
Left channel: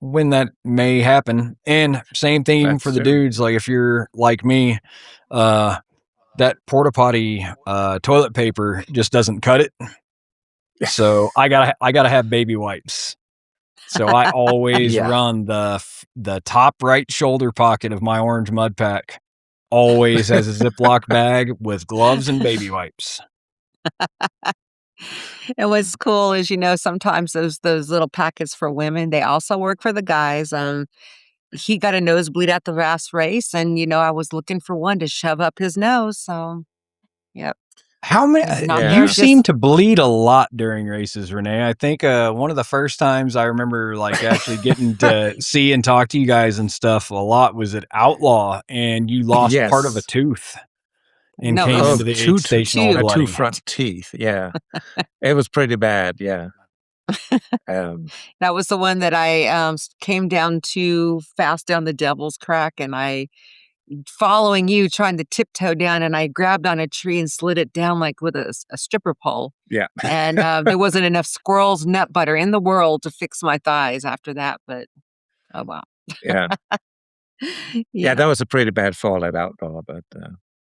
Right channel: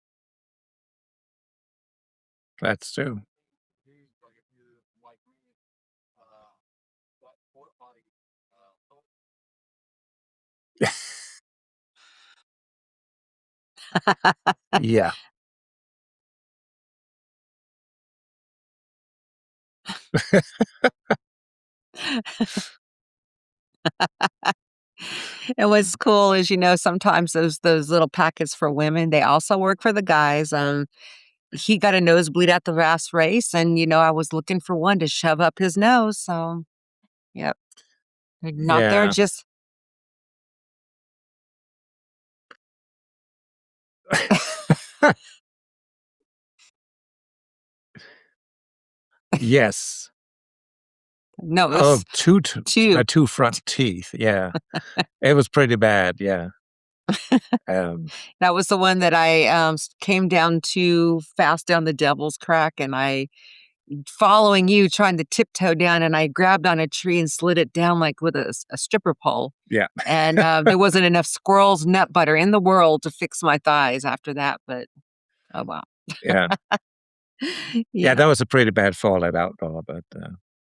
when that may happen. And same thing even for That's the true. dudes, like if you're like me, uh that porta potty toilet paper just doesn't cut it. So I gotta have baby wipes. So I always Yeah. run the top right shoulder pocket of my orange mud pack always has a Ziploc bag with gloves and baby wipes. and what's cool is, sometimes those little packets for women, they also work for the guys. He got a nosebleed at the last race, and, I was looking for one to shove up his nose, so, yep. How many He's not you there Yeah. seem just to bleed a lot during races, Renee. I think, one of the first times I remember, like, actually getting to see and talk to you guys and stuff a lot was at Outlaw, and you lost part of a Yes. tooth and no, it came Oh, was into the aid two, station all 2. two bloody. front teeth. Yeah. It was pretty bad. Yeah. Um, That was the one that I, came down too fast down the Devil's Crack, and I following you, trying to tiptoe down, and I grabbed on a tree and slid it down, like, with a stripper pole, yeah. and, there wasn't enough squirrel's nut butter in the world to fix my thighs after that, but, oh, well. Yeah. Yeah. Yeah, That was a pretty bad fall at outdoor, but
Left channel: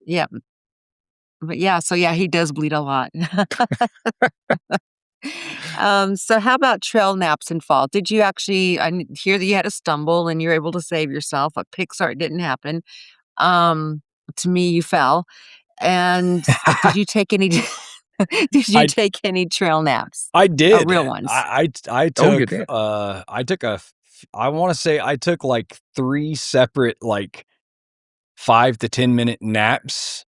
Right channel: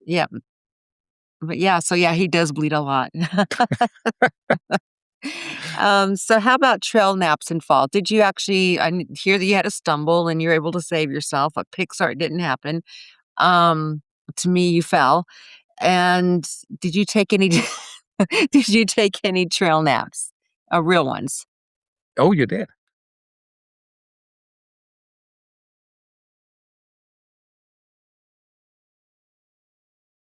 yeah, but, yeah, so, yeah, he does bleed a lot. So how about trail naps and fall? Did you actually hear that you had a stumble and you're able to save yourself? A Pixar didn't happen. Um, to me, you fell. And did you take any did you I take any trail naps? I did. Real ones? I oh, you took, did. I wanna say I took, like, 3 separate, like, 5 to 10-minute naps.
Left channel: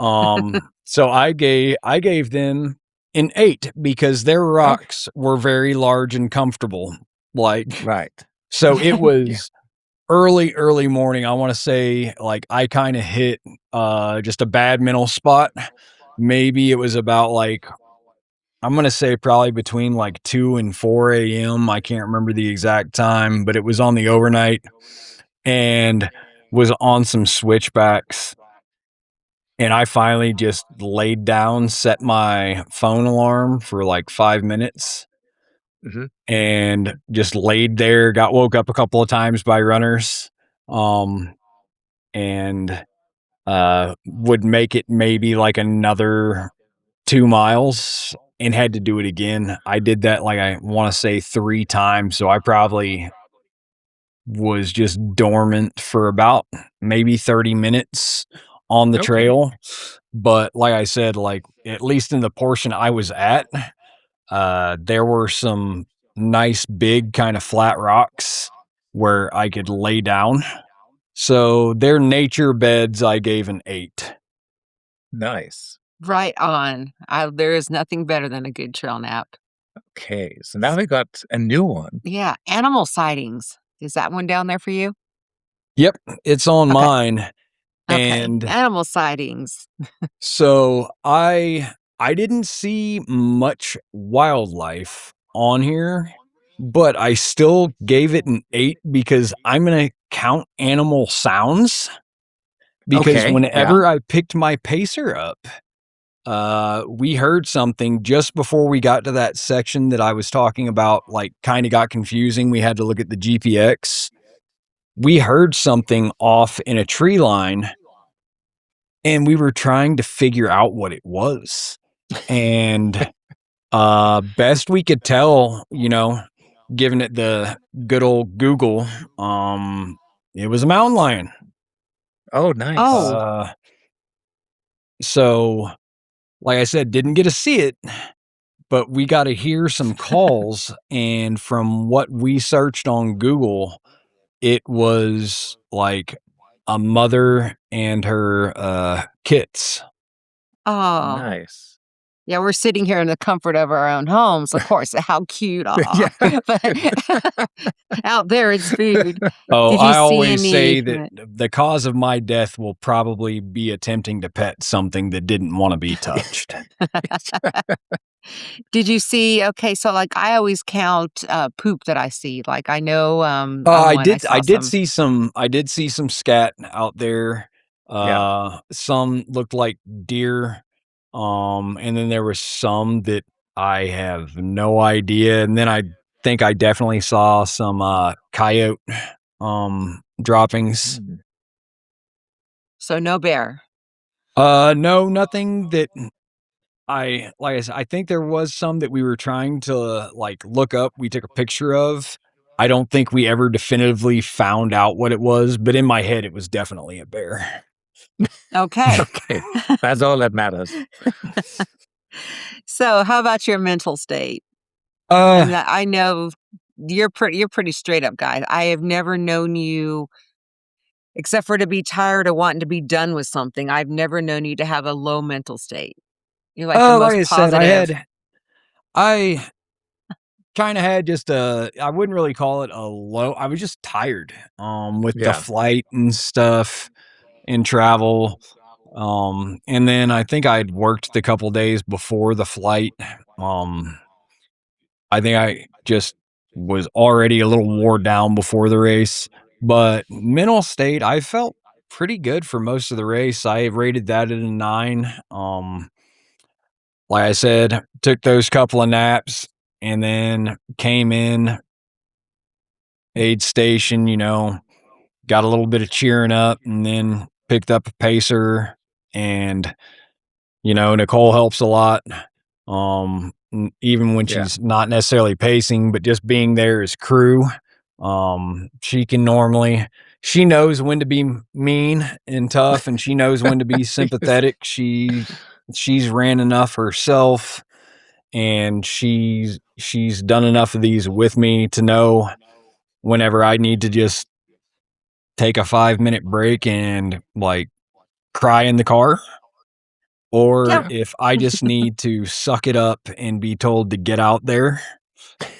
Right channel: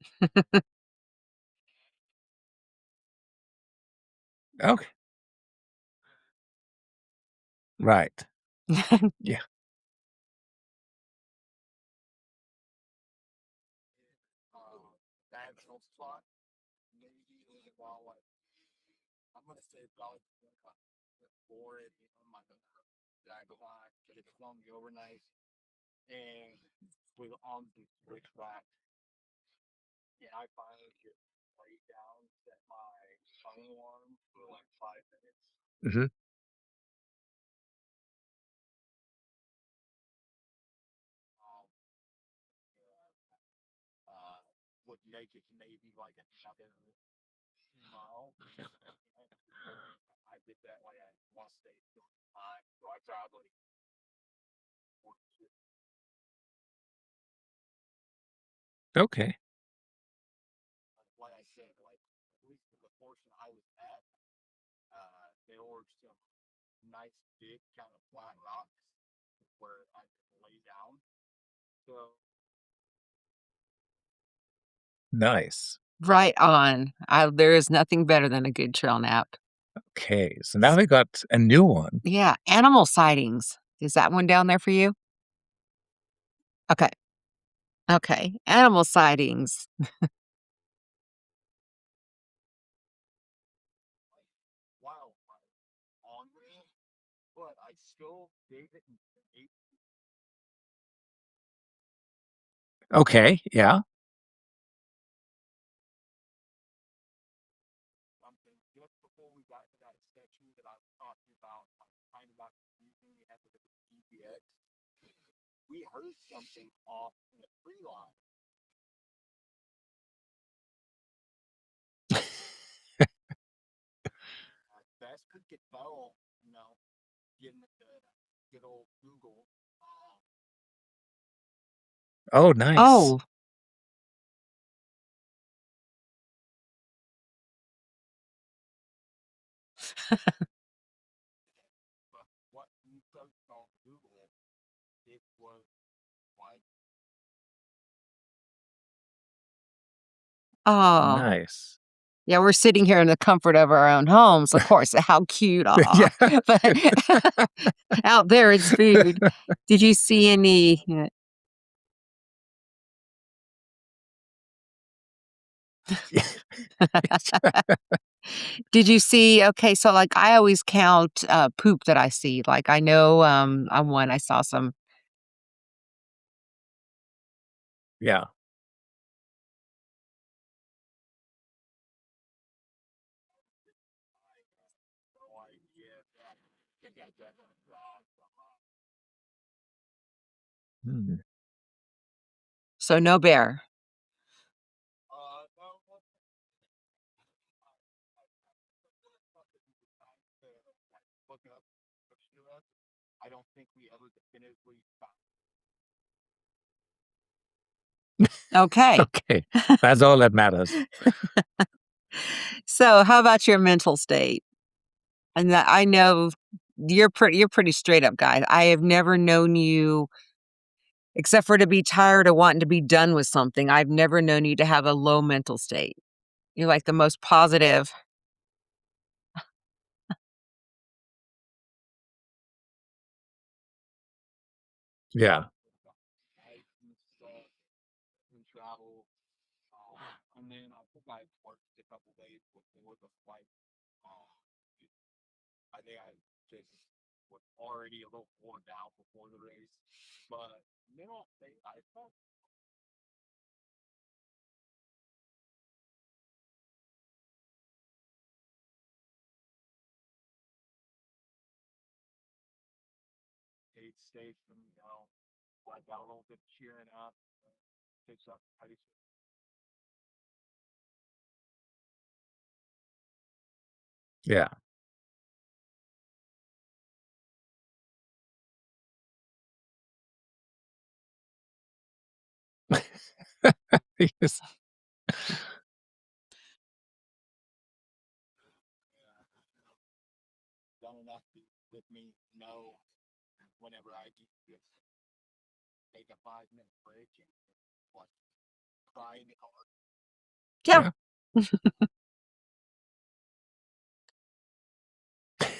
So I gave them an 8 because their Okay. rocks were very large and comfortable. Like, Right. so it Yeah. was early, early morning. I wanna say, like, I kinda hit, just a bad mental spot. Maybe it was about, like, I'm gonna say probably between, like, 2 and 4 AM. I can't remember the exact time, but it was on the overnight. and was on some switchbacks. And I finally just laid down, set my phone alarm for like 5 minutes, Mhm. and just laid there. Got woke up a couple of times by runners, um, and would make it maybe like another 2 miles and had to do it again. I did that like I want to say 3 times, so I probably was just dormant for about maybe 30 minutes on the Okay. trail. But like I said, like at least in the portion I was at, there were some nice big kind of flat rocks where I could lay down. So their nature beds I gave an 8. Nice. Right on. There is nothing better than a good trail nap. Okay, so now we got a new one. Yeah, animal sightings. Is that one down there for you? Yep, it's on Okay. mine. Okay. And Animal sightings. so I didn't see much wildlife on here, but I still gave it an 8 because I'm going to count animal sounds, because Okay, yeah. whenever I picked my pacer up, we heard something just before we got to that section that I was talking about, like kind of got confusing. We had to look at the GPX. We heard something off in a tree line, and we were trying to figure out what it was. And best we could tell, giving it the good old Google, um, it was a mountain lion. Oh, nice. Oh, Uh, so like I said, didn't get to see it, but we got to hear some calls. And from what we searched on Google, it was like a mother and her kits. oh. Nice. Yeah, we're sitting here in the comfort of our own homes, of course, how cute, aw. Yeah. But out there, it's food. Oh, Did you I see always say any that the cause of my death will probably be attempting to pet something that didn't want to be touched. Did you see okay, so, like, I always count, poop that I see, like, I know, on I one I did I saw did some. see some scat out there. Yeah. Some looked like deer. And then there was some that I have no idea. And then I think I definitely saw some coyote droppings. Mm. So, no bear. No, nothing that like I said, I think there was some that we were trying to like look up. We took a picture of. I don't think we ever definitively found out what it was, but in my head, it was definitely a bear. Okay. Okay. That's all that matters. So, how about your mental state? I Uh, mean, I know you're pretty straight up guy. I have never known you except for to be tired or wanting to be done with something. I've never known you to have a low mental state. You're like the like most I said, positive. I kind of had just I wouldn't really call it a low. I was just tired, with the Yeah. flight and stuff and travel. And then I think I'd worked the couple days before the flight. Um, I think I just was already a little wore down before the race, but mental state, I felt pretty good for most of the race. I rated that at a 9. Like I said, took those couple of naps and then came in, aid station, got a little bit of cheering up, and then picked up a pacer. And Nicole helps a lot. Even when Yeah. she's not necessarily pacing, but just being there as crew. She knows when to be mean and tough, and she knows when to be sympathetic. She's ran enough herself, and she's done enough of these with me to know whenever I need to just take a 5-minute break and like cry in the car, or Yeah, Yeah. if I just need to suck it up and be told to get out there.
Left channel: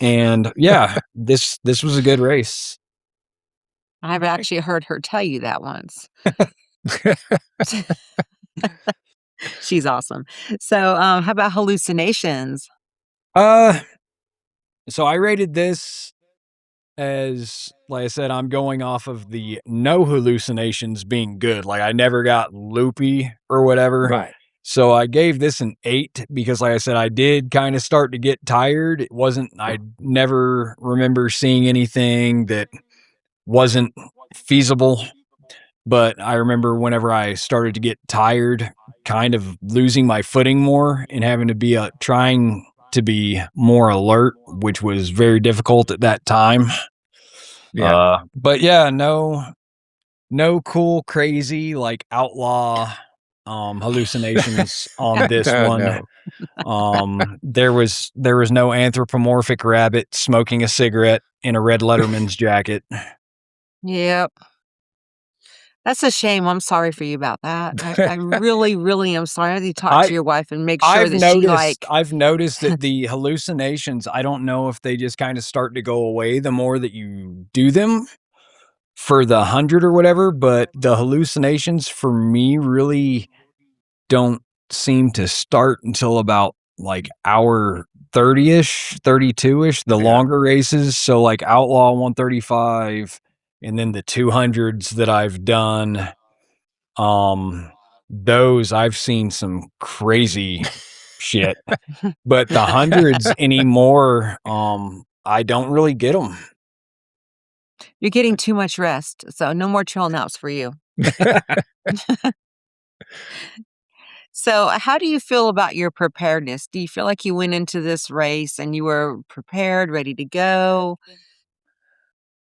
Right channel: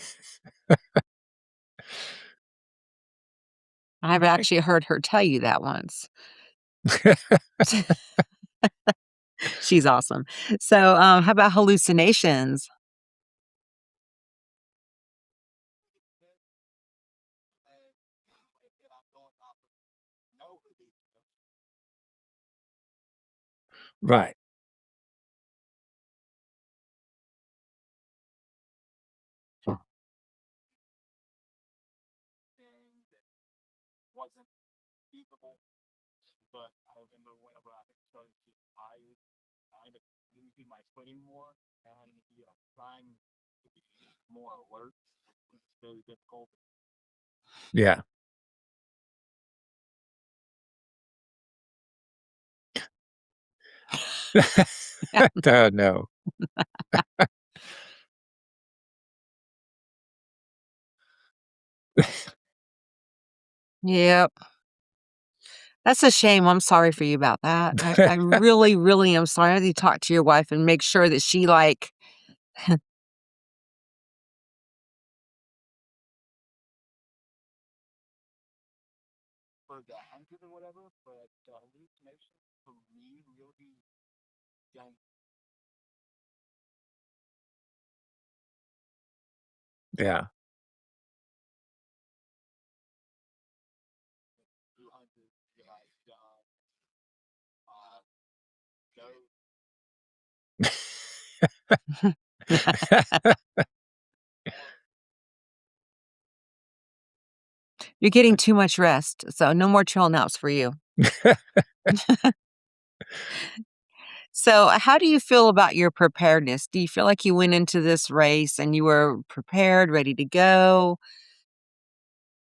And yeah, this was a good race. I've Okay. actually heard her tell you that once. She's awesome. So, how about hallucinations? Uh so I rated this as like I said, I'm going off of the no hallucinations being good. Like I never got loopy or whatever. Right. So I gave this an 8 because like I said, I did kind of start to get tired. I never remember seeing anything that wasn't feasible. But I remember whenever I started to get tired, kind of losing my footing more and having to be trying to be more alert, which was very difficult at that time. Yeah. But yeah, no cool, crazy, like outlaw hallucinations on this No, one. no. There was no anthropomorphic rabbit smoking a cigarette in a red Letterman's jacket. Yep. That's a shame. I'm sorry for you about that. I really, really am sorry. I need to talk I to your wife and make sure that she, like I've noticed that the hallucinations, I don't know if they just kind of start to go away the more that you do them for the 100 or whatever, but the hallucinations for me really don't seem to start until about like hour 30-ish, 32-ish, the Yeah. longer races. So like Outlaw 135 and then the 200s that I've done. Those I've seen some crazy shit, but the hundreds anymore, I don't really get them. you're getting too much rest, so no more trail naps for you. So, how do you feel about your preparedness? Do you feel like you went into this race and you were prepared, ready to go?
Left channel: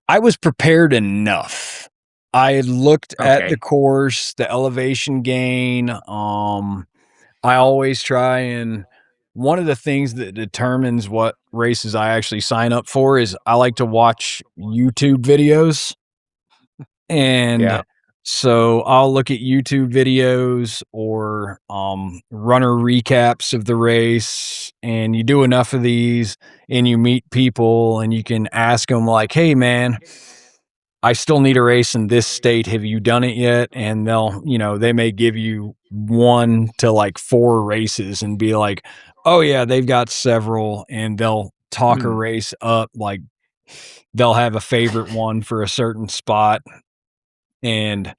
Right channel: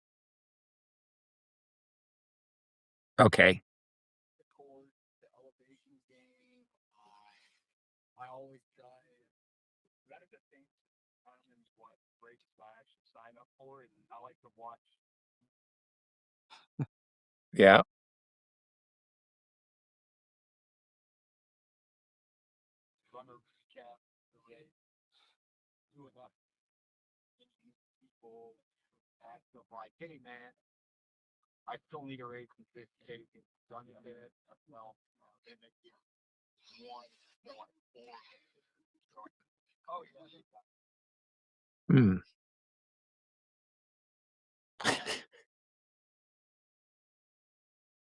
I was prepared enough. I had looked at the Okay. course, the elevation gain. I always try and one of the things that determines what races I actually sign up for is I like to watch YouTube videos. Yeah. And so I'll look at YouTube videos or runner recaps of the race, and you do enough of these and you meet people and you can ask them like, "Hey man, I still need a race in this state. Have you done it yet?" And they may give you 1 to like 4 races and be like, "Oh yeah, they've got several," and they'll talk a Mm. race up like they'll have a favorite one for a certain spot. And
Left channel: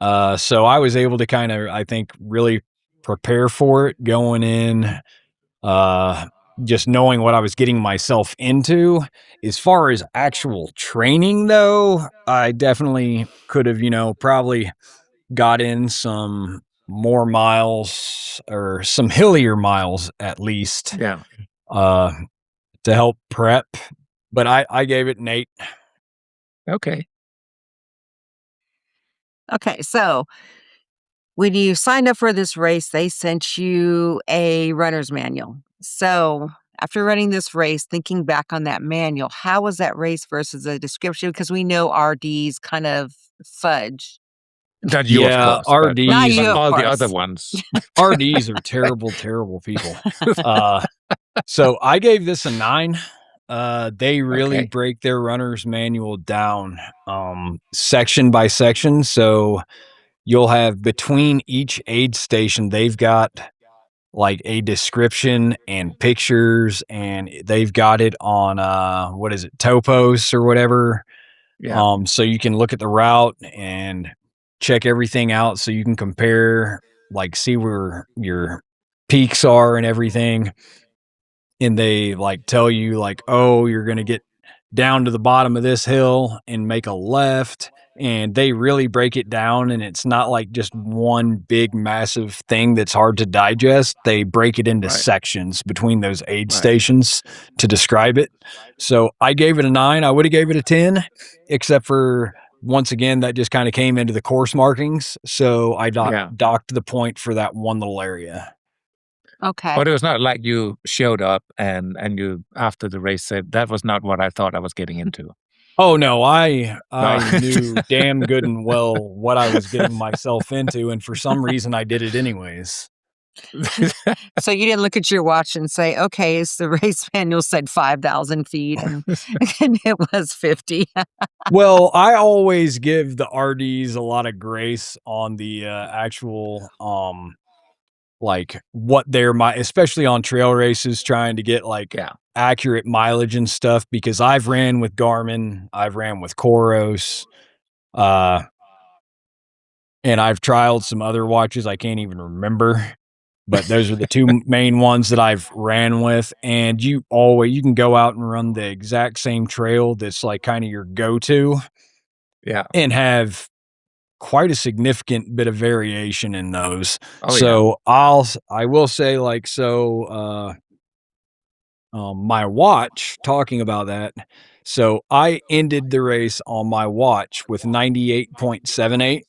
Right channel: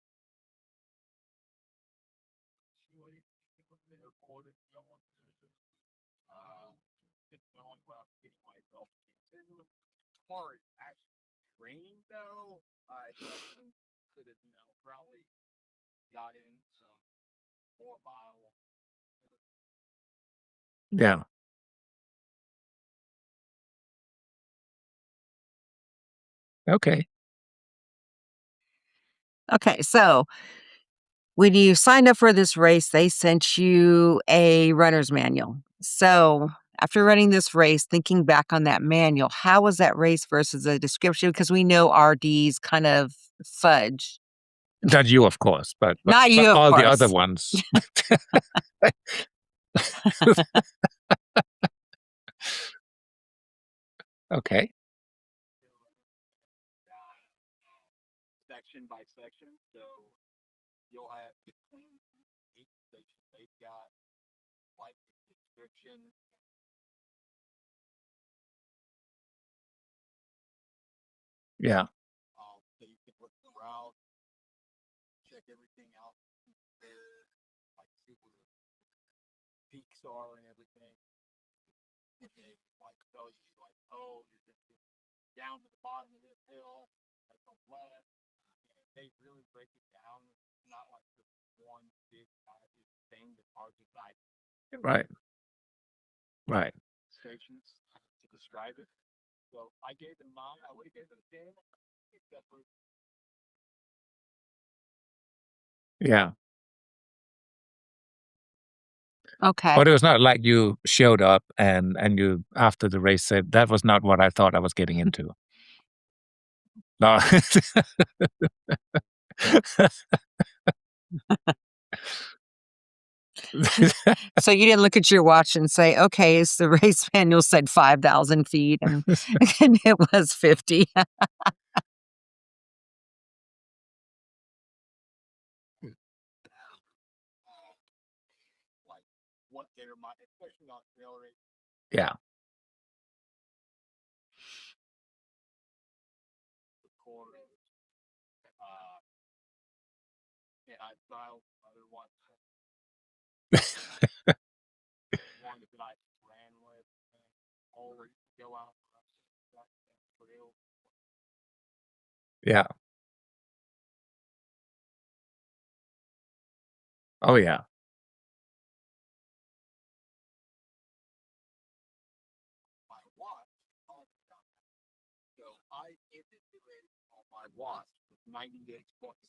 so I was able to kind of, I think, really prepare for it going in, uh, just knowing what I was getting myself into. As far as actual training, though, I definitely could have, probably got in some more miles or some hillier miles at least, Yeah. uh, to help prep. But I gave it an 8. Okay. Okay, so when you signed up for this race, they sent you a runner's manual. So, after running this race, thinking back on that manual, how was that race versus the description? Because we know RDs kind of fudge. Not you, of Yeah, course, but Not you, RDs of all the other course. ones. RDs are terrible, terrible people. Uh, so I gave this a 9. They really Okay. break their runner's manual down, section by section. So you'll have between each aid station, they've got like a description and pictures, and they've got it on what is it, Topos or whatever. Yeah. So you can look at the route and check everything out so you can compare, like see where your peaks are and everything. And they like tell you like, oh, you're going to get down to the bottom of this hill and make a left. And they really break it down. And it's not like just one big, massive thing that's hard to digest. They break it into Right. sections between those aid Right. stations to describe it. So I gave it a 9. I would have gave it a 10, except for once again, that just kind of came into the course markings. So I Yeah. docked the point for that one little area. Okay. But it was not like you showed up and you after the race said that was not what I thought I was getting into. Oh no, I No. I knew damn good and well what I was getting myself into, and for some reason I did it anyways. So you didn't look at your watch and say, "Okay, it's the race manual said 5,000 feet," and and it was 50. Well, I always give the RDs a lot of grace on the actual like what especially on trail races, trying to get like accurate mileage and stuff, because I've ran with Garmin, I've ran with Coros, and I've trialed some other watches I can't even remember, but those are the two main ones that I've ran with. And you can go out and run the exact same trail that's like kind of your go-to Yeah. and have quite a significant bit of variation in those. Oh, yeah. So I will say, like, my watch, talking about that. So I ended the race on my watch with 98.78,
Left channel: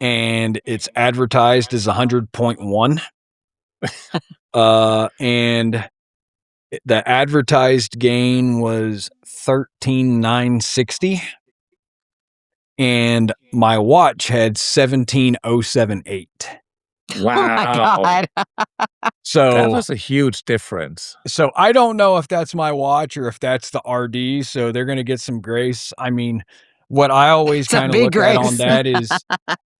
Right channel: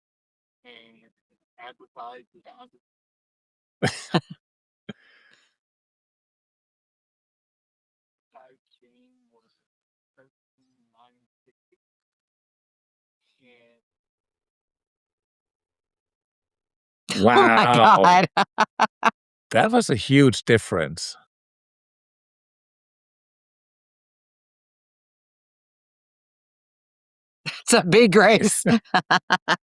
and it's advertised as 100.1. And the advertised gain was 13,960, and my watch had 17,078. Oh my Wow. God. That So was a huge difference. so I don't know if that's my watch or if that's the RD, so they're gonna get some grace. I mean, what I always It's a kinda big look at on race. that is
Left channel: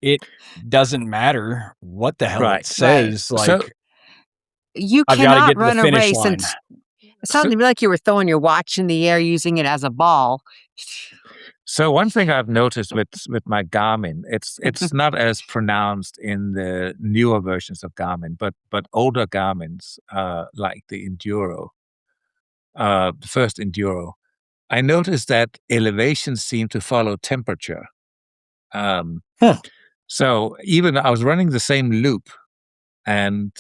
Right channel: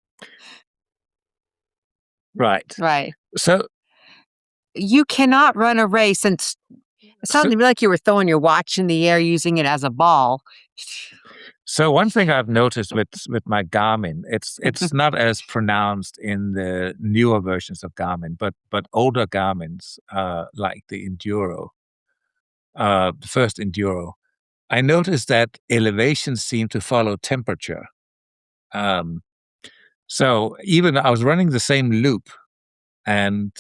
it doesn't matter what the hell it Right. Right. says, So like, You I've gotta cannot get to the run a finish race and line. it so sounded to me like you were throwing your watch in the air using it as a ball. so one thing I've noticed with my Garmin, it's not as pronounced in the newer versions of Garmin, but older Garmins, like the Enduro, the first Enduro, I noticed that elevations seem to follow temperature. Um, Huh. so even I was running the same loop, and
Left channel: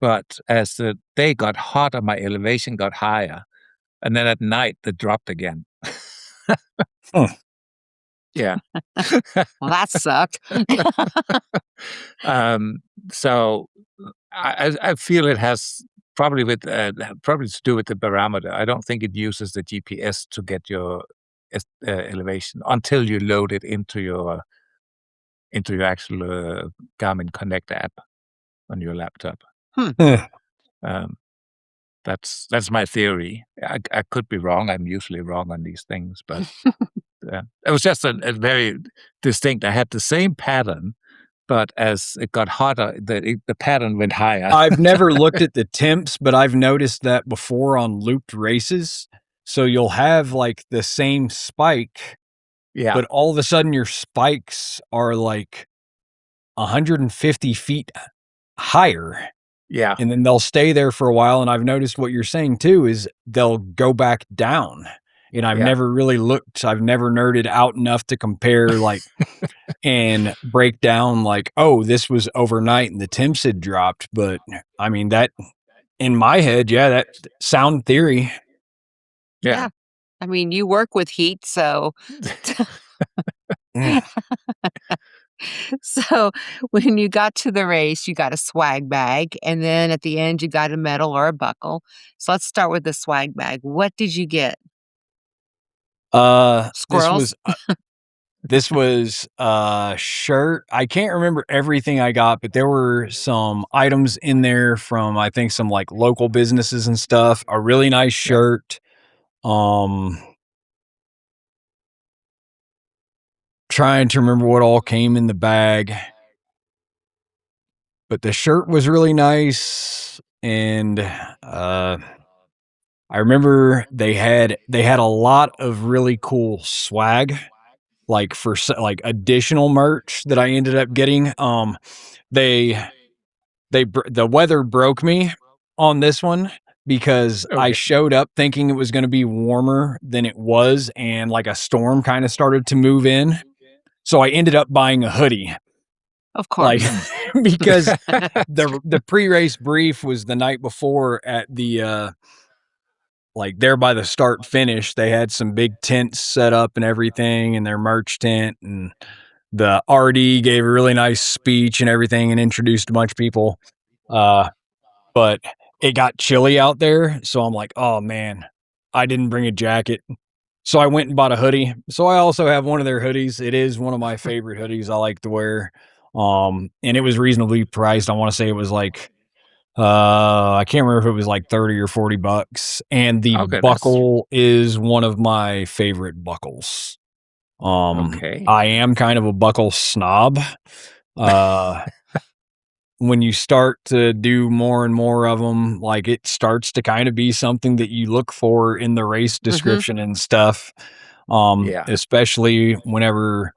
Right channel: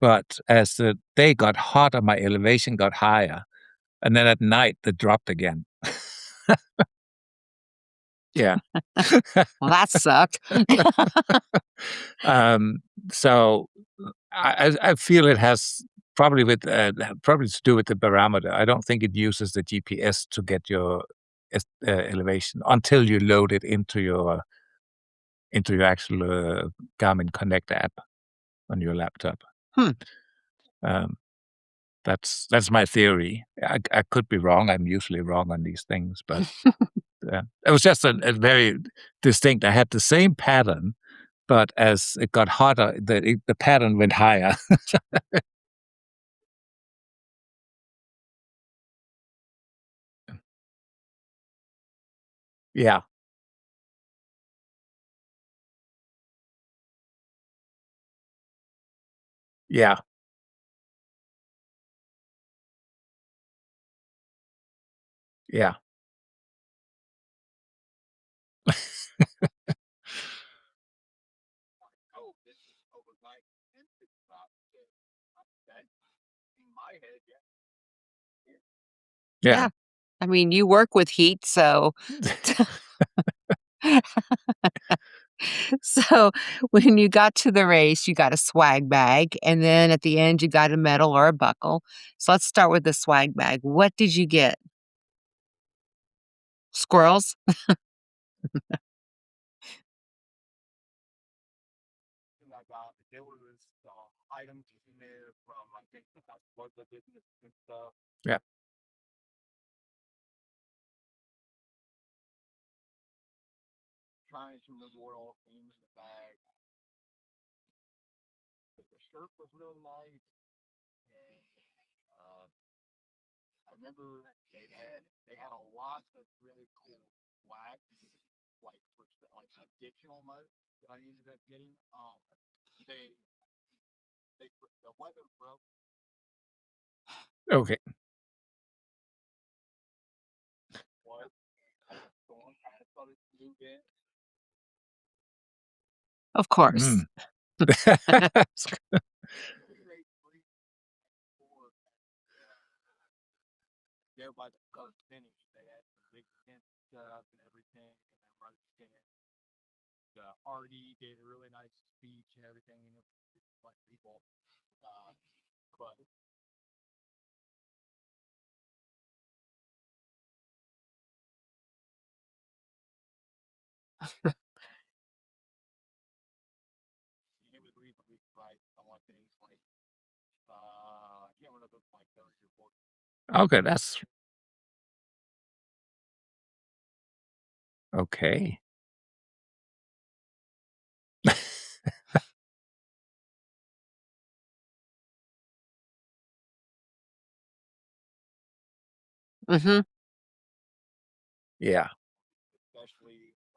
but as the day got hotter, my elevation got higher, and then at night it dropped again. Huh. Yeah. Well, that sucked. um, so I feel it has probably to do with the barometer. I don't think it uses the GPS to get your elevation until you load it into your actual Garmin Connect app on your laptop. Hmm. Huh. Um, that's my theory. I could be wrong. I'm usually wrong on these things, but it was just a very distinct. I had the same pattern, but as it got hotter, the pattern went higher. I've never looked at the temps, but I've noticed that before on looped races. So you'll have, like, the same spike, Yeah, but all of a sudden your spikes are, like, 150 feet higher, yeah, and then they'll stay there for a while. And I've noticed what you're saying too is they'll go back down. And I've yeah, never really looked, I've never nerded out enough to compare, like, and break down, like, oh, this was overnight and the temps had dropped. But I mean, that in my head, yeah, that sound theory. yeah. Yeah. I mean, you work with heat, so Mm. so when you got to the race, you got a swag bag, and then at the end, you got a medal or a buckle. So let's start with the swag bag. What did you get? Uh, this Squirrels? was uh, this was a shirt. I can't remember everything I got, but there were some items in there from, I think, some like local businesses and stuff. A really nice Yeah. shirt. Um, Trying to remember what all came in the bag, but the shirt was really nice. And I remember they had a lot of really cool swag, like for like additional merch that I ended up getting. They the weather broke me on this one, because I Okay. showed up thinking it was going to be warmer than it was, and like a storm kind of started to move in. So I ended up buying a hoodie, Of like, course. because the pre-race brief was the night before at the like there by the start finish. They had some big tents set up and everything in their merch tent, and the RD gave a really nice speech and everything and introduced a bunch of people. Uh, but it got chilly out there, so I'm like, "Oh man, I didn't bring a jacket." So I went and bought a hoodie. So I also have one of their hoodies. It is one of my favorite hoodies I like to wear. And it was reasonably priced. I want to say it was like, I can't remember if it was like 30 or $40. And the Okay, that's buckle is one of my favorite buckles. okay. I am kind of a buckle snob. Uh when you start to do more and more of them, like, it starts to kind of be something that you look for in the race Mhm. description and stuff, Yeah. especially whenever,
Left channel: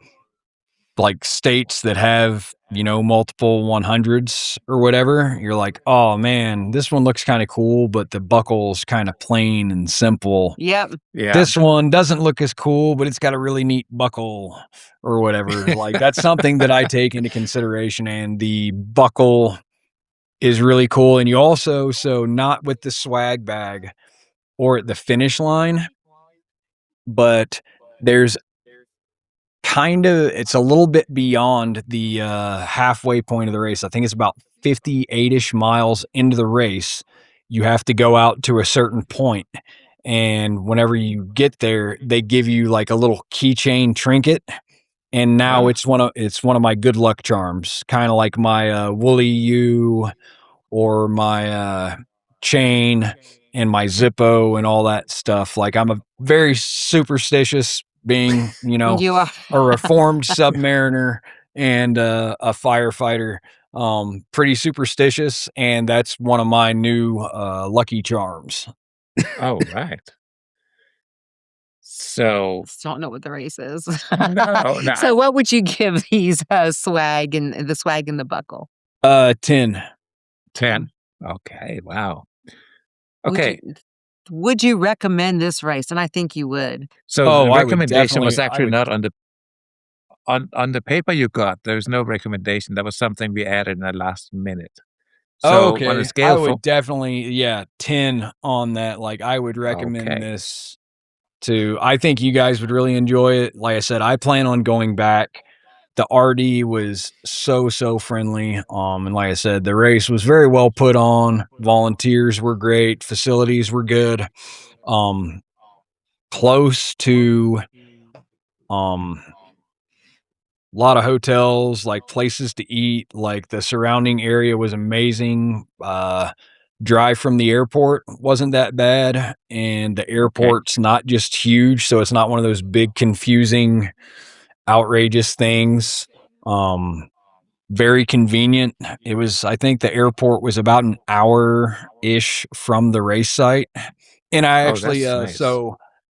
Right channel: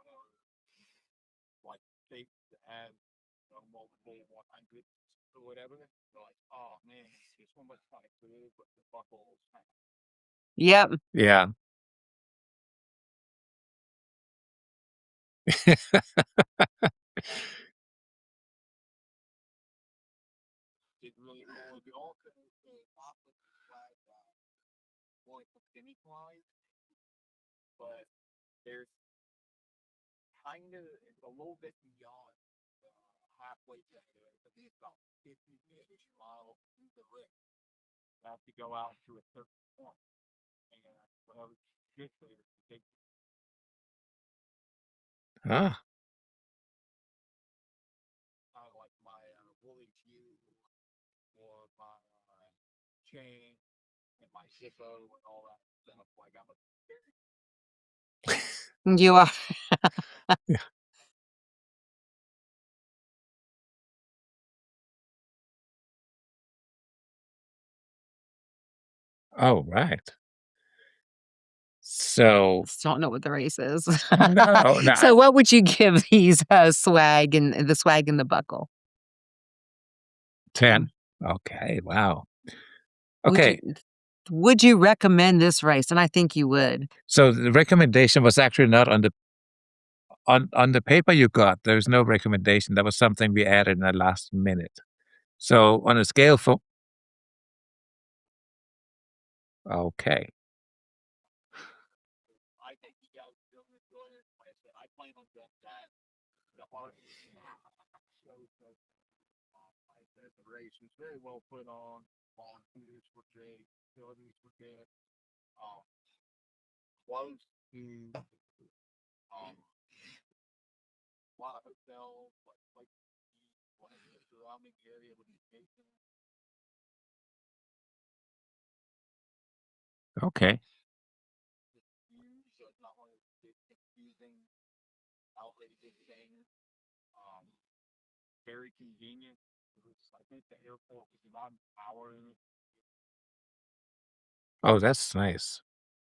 like, states that have, multiple 100s or whatever, you're like, "Oh, man, this one looks kinda cool, but the buckle's kinda plain and simple. Yep. Yeah. This one doesn't look as cool, but it's got a really neat buckle," or whatever. Like, that's something that I take into consideration, and the buckle is really cool, and you also not with the swag bag or at the finish line, but there's it's a little bit beyond the, halfway point of the race. I think it's about 58-ish miles into the race. You have to go out to a certain point, and whenever you get there, they give you, like, a little keychain trinket, and now Oh, it's one of my good luck charms, kinda like my, Woolly U or my, chain and my Zippo and all that stuff. Like, I'm a very superstitious being, You are. a reformed submariner and, a firefighter, pretty superstitious, and that's one of my new, lucky charms. oh, right. So Still don't know what the race is. no, no, So what would you give these, swag and the swag and the buckle? 10. 10. Okay, wow. Would you Okay, would you recommend this race? And I think you would. so Oh, the I would recommendation was definitely I actually would not on the paper you got. There's no recommendation. That was something we added in the last minute. Oh, So on a okay. I scale from would definitely, yeah, 10 on that. Like, I would recommend okay, this to I think you guys would really enjoy it. Like I said, I plan on going back. The RD was so, so friendly. And like I said, the race was very well put on. Volunteers were great. Facilities were good. Um, close to um a lot of hotels, like places to eat, like the surrounding area was amazing. Drive from the airport wasn't that bad, and the okay. airport's not just huge, so it's not one of those big, confusing, outrageous things. Very convenient. I think the airport was about an hour-ish from the race site, and I Oh, actually, that's nice.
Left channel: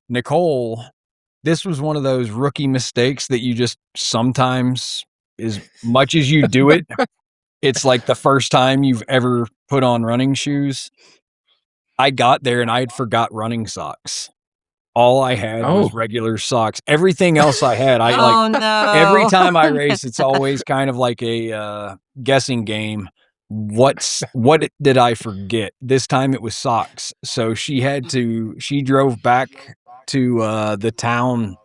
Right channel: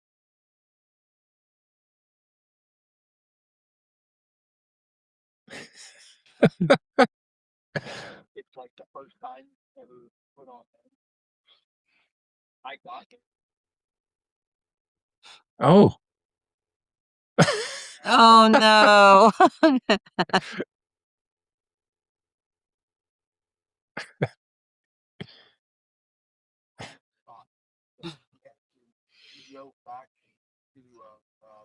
Nicole, this was one of those rookie mistakes that you just sometimes, as much as you do it, it's like the first time you've ever put on running shoes. I got there and I had forgot running socks. All I had was Oh, regular socks. Everything else I had, I like Oh, every no. time I race, it's always kind of like a, guessing game. Did I forget? This time it was socks. So she drove back to, the town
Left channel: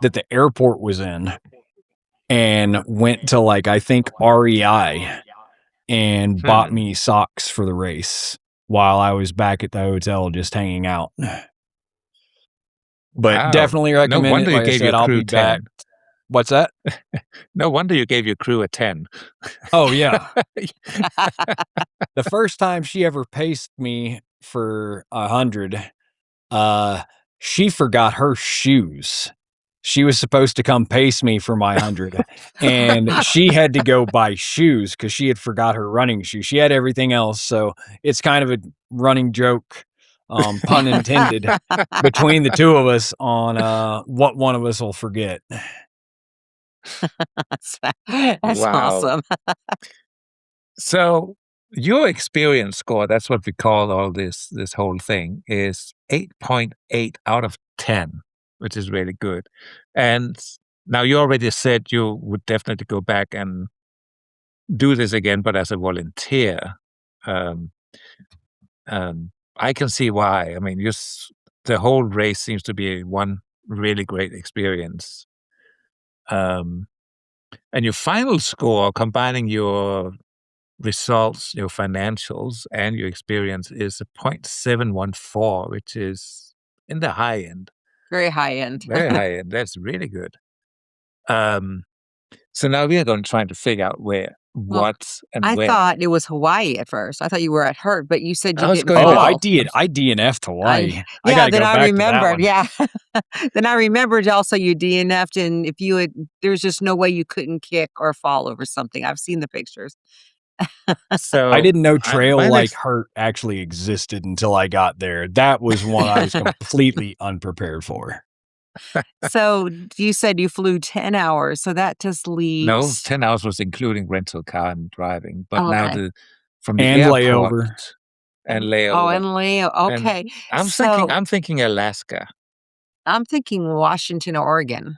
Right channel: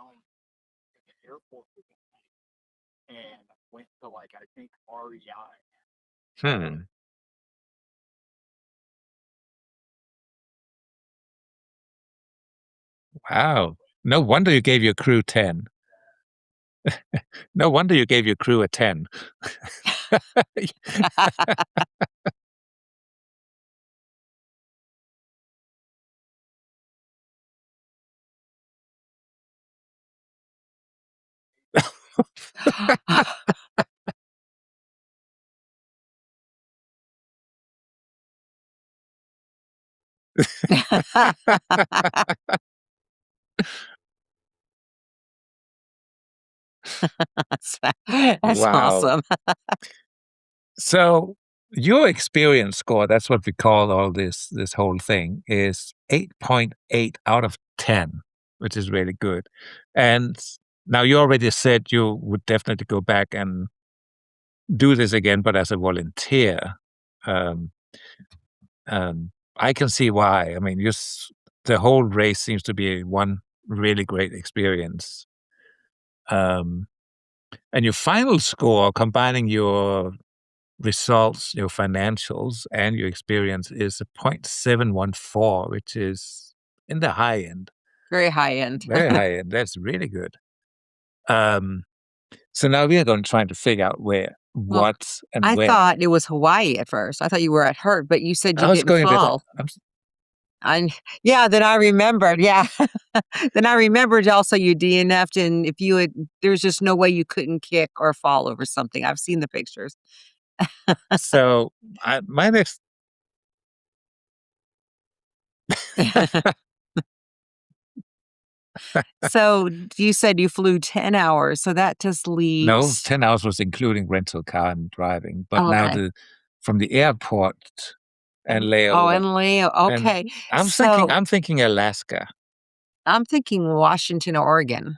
that the airport was in and went to, like, I think REI and bought hmm. me socks for the race while I was back at the hotel just hanging out. But Wow. definitely No recommend it. wonder you Like I gave your said, I'll crew be back. 10. What's that? No wonder you gave your crew a 10. Oh, yeah. The first time she ever paced me for 100, uh, she forgot her shoes. She was supposed to come pace me for my 100, and she had to go buy shoes because she had forgot her running shoes. She had everything else, so it's kind of a running joke, pun intended, between the 2 of us on, what one of us will forget. That's Wow. awesome. So your experience score, that's what we call all this whole thing, is 8.8 out of 10, which is really good. And now you already said you would definitely go back and do this again, but as a volunteer. Um, I can see why. I mean, the whole race seems to be one really great experience. Um, and your final score, combining your results, your financials, and your experience is a 0.714, which is in the high end, Very high end. very high end. That's really good. Um, so now we are going to try to figure out Well, what, and I when. thought it was Hawaii at first. I thought you were at Hurt, but you said you I was didn't going a Oh, bit. fall. I DNF'd I Hawaii. I Yeah, gotta then go I back to that remembered, one. yeah. Then I remembered also you DNF'd, and if you had there's just no way you couldn't kick or fall over something. I've seen the pictures. So I didn't know Trail mine Like is Hurt actually existed until I got there. That was one I was completely unprepared for. So you said you flew 10 hours, so that just no, leaves 10 hours was including rental car and driving. But oh, now okay. from the And airport layover. and Oh, layover. and Leo, And okay. So I'm thinking Alaska. I'm thinking Washington, Oregon.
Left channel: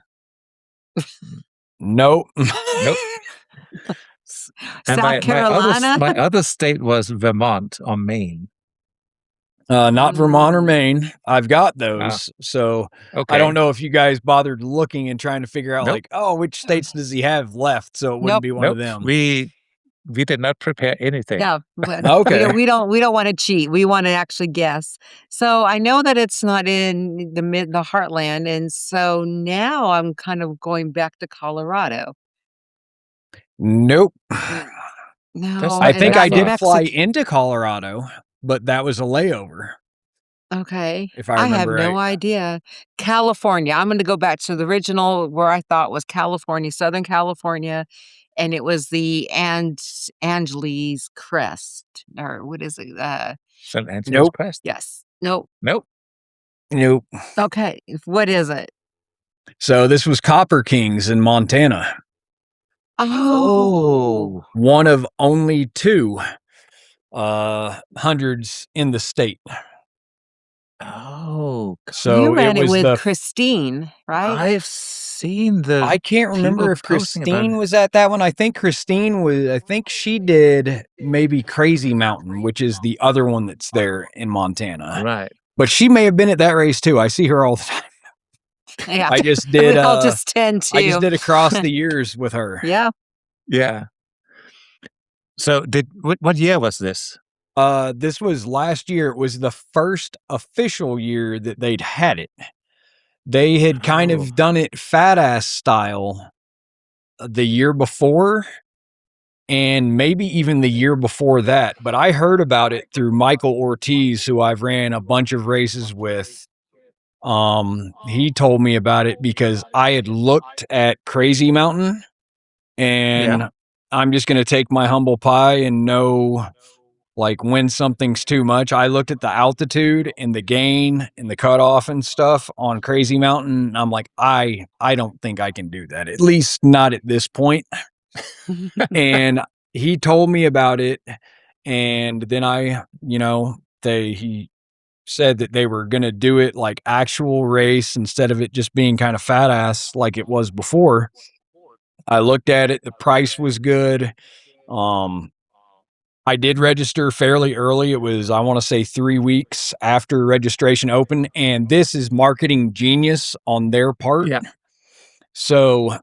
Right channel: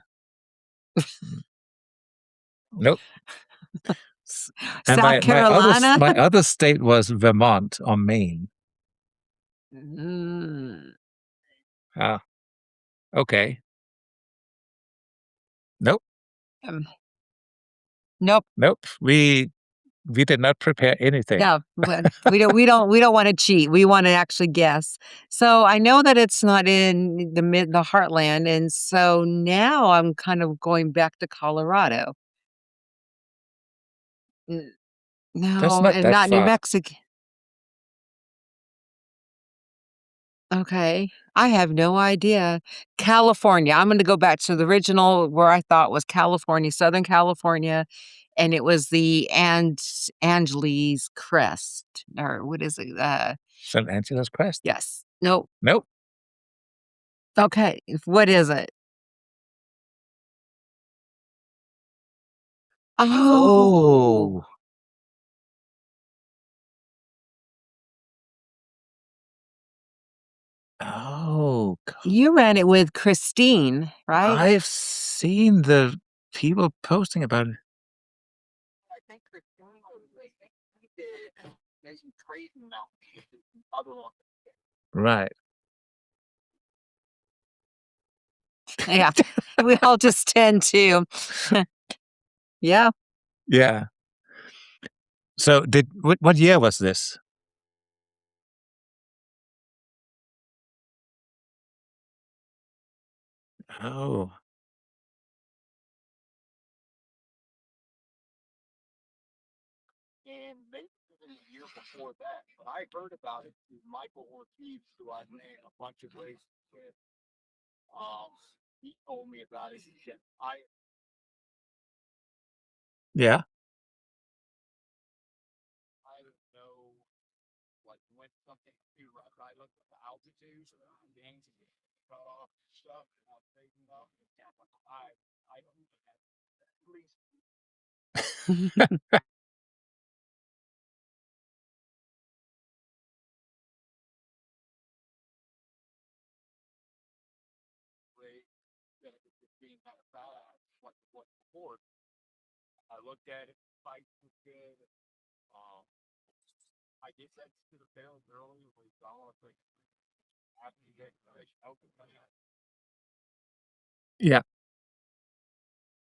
Nope. Nope. And South Carolina? my other state was Vermont or Maine. Not Vermont or Mm, Maine. I've got Oh, those. So I don't okay. know if you guys bothered looking and trying to figure out Nope. like, oh, which states does he have left? So it wouldn't nope. be one of Nope. them. We did not prepare anything. No, but Okay. we don't wanna cheat. We wanna actually guess. So I know that it's not in the heartland, and so now I'm kind of going back to Colorado. Nope. Mm, That's no, I not and think that I not New did far. fly Mexico. into Colorado, but that was a layover, Okay. if I I have remember no right. idea. California. I'm gonna go back to the original where I thought was California, Southern California, and it was the Angeles Crest, or what is it? St. Angeles Nope. Crest. Yes. Nope. Nope. Nope. Okay. What is it? So this was Copper Kings in Montana, Oh. Oh. one of only two hundreds in the state. Oh. You So it ran it was with the Christine, right? I've seen the I can't remember people if posting about Christine it. was at that one. I think she did maybe Crazy Mountain, which is the other one that's there in Montana. Right. But she may have been at that race too. I see her all the time. Yeah. I just We did all just tend I just to. did across the years with her. Yeah. Yeah. So what year was this? This was last year. It was the first official year that they'd had it. They had kind Oh. of done it fat ass style the year before and maybe even the year before that. But I heard about it through Michael Ortiz, who I've ran a bunch of races with. He told me about it because I had looked at Crazy Mountain, Yeah. and I'm just going to take my humble pie and know like when something's too much. I looked at the altitude and the gain and the cutoff and stuff on Crazy Mountain. And I'm like, I don't think I can do that. At least not at this point. And he told me about it, and then he said that they were going to do it like actual race instead of it just being kind of fat ass like it was before. I looked at it, the price was good. um I did register fairly early. It was, I want to say, 3 weeks after registration opened, and this is marketing genius on their part. Yeah. So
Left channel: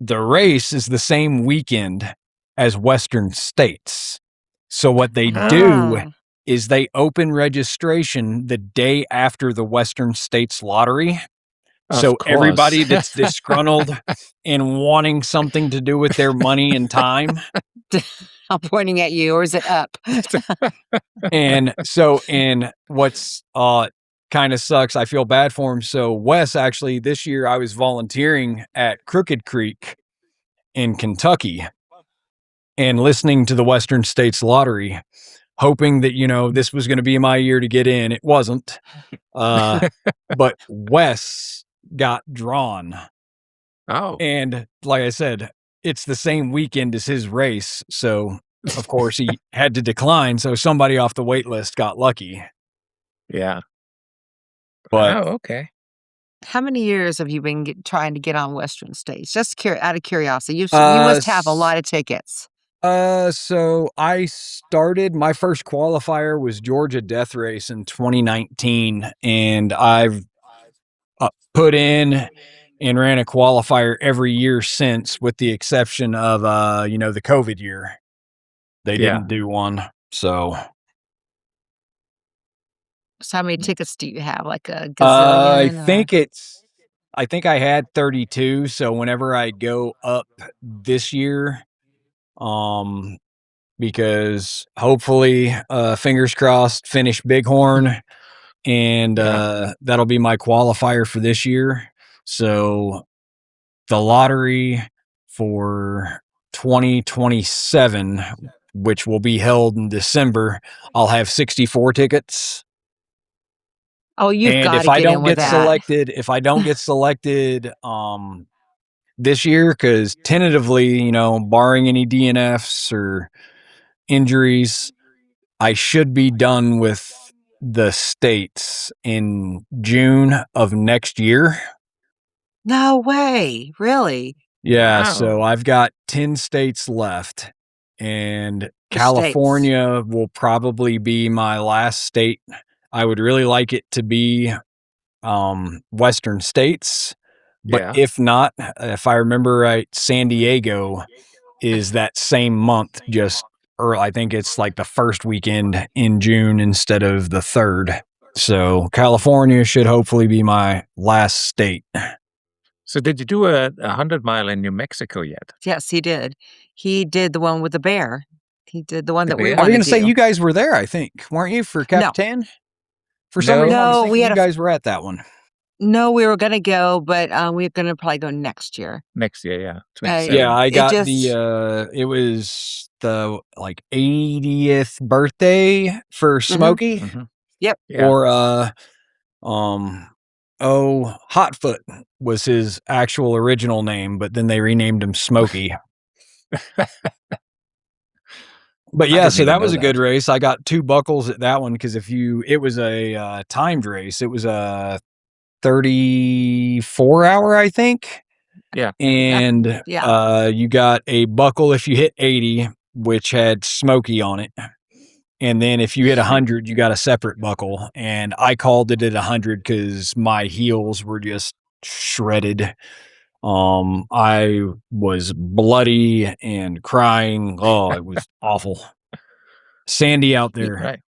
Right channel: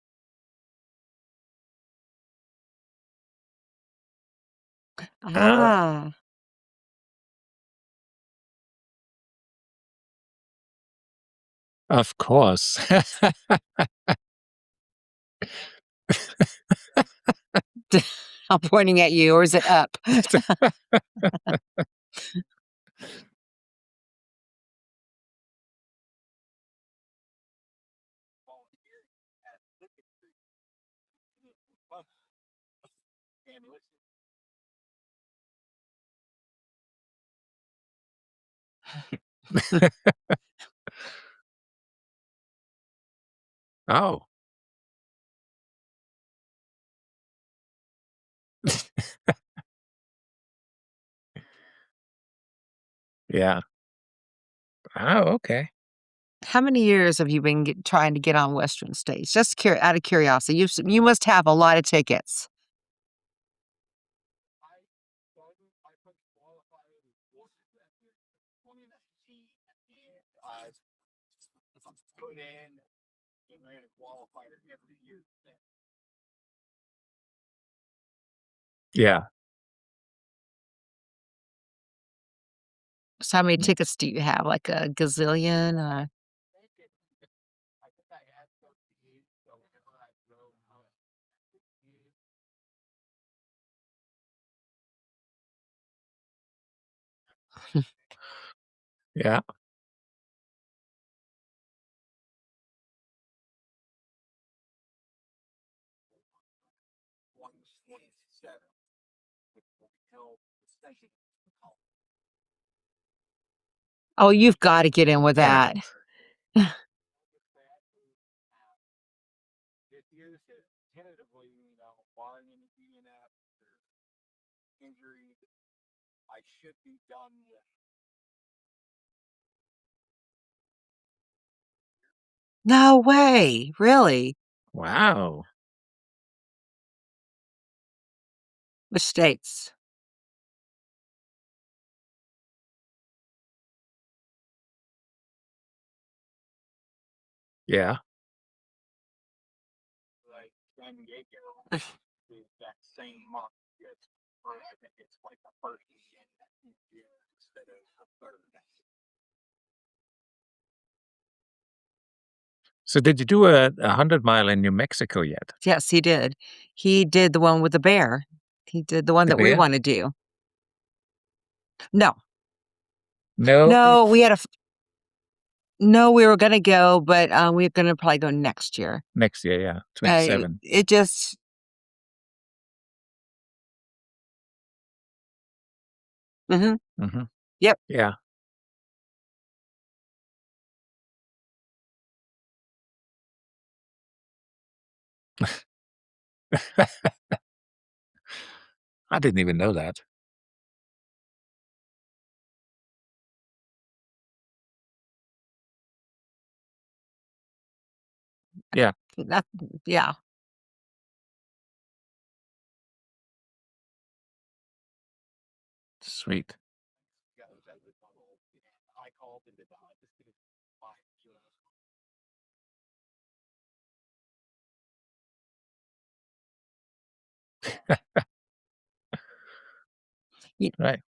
the race is the same weekend as Western states. So what they do Ah. is they open registration the day after the Western States lottery. Of So course. everybody that's disgruntled and wanting something to do with their money and time. I'm pointing at you, or is it up? And what's kind of sucks, I feel bad for him. So Wes, actually this year I was volunteering at Crooked Creek in Kentucky and listening to the Western States Lottery, hoping that, this was going to be my year to get in. It wasn't. But Wes got drawn. Oh. And like I said, it's the same weekend as his race. So, of course, he had to decline. So somebody off the wait list got lucky. Yeah. But Oh, okay. How many years have you been trying to get on Western States? Just out of curiosity. You uh, must have a lot of tickets. so I started, my first qualifier was Georgia Death Race in 2019, and I've put in and ran a qualifier every year since, with the exception of the COVID year. They Yeah. didn't do one. So So how many tickets do you have? Like a I gazillion or? think I had 32. So whenever I go up this year, um, because hopefully, fingers crossed, finish Bighorn, and Yeah. that'll be my qualifier for this year. So the lottery for 2027, which will be held in December, I'll have 64 tickets. Oh, you've And got if to I get in don't with get that. selected, this year, because tentatively, barring any DNFs or injuries, I should be done with the states in June of next year. No way. Really? Yeah, so Wow. I've got 10 states left, and Which states? California will probably be my last state. I would really like it to be Western states, but Yeah. if not, if I remember right, San Diego is that same month, or I think it's like the first weekend in June instead of the third. So California should hopefully be my last state. So did you do a 100-mile in New Mexico yet? Yes, he did. He did the one with the bear. He did the one The that we I bear? was want to going to say, do. you guys were there, I think, weren't you, for No, Capitan? For some No. reason, I was no, thinking you guys were at that one. no, we were going to go, but we're going to probably go next year. Next year, yeah. Yeah, 27. I It got just, it was the like 80th birthday for mhm. Smokey, Mhm. Yep. Yeah. or um Hotfoot was his actual original name, but then they renamed him Smokey. But I yeah, didn't so even that know was a good that. race. I got 2 buckles at that one, because it was a timed race. It was a 34-hour, I think. Yeah. And Yeah. you got a buckle if you hit 80, which had Smokey on it. And then if you hit Sweet. 100, you got a separate buckle. And I called it at 100 because my heels were just shredded. I was bloody and crying. Oh, it was awful. Sandy out Y- there. Right.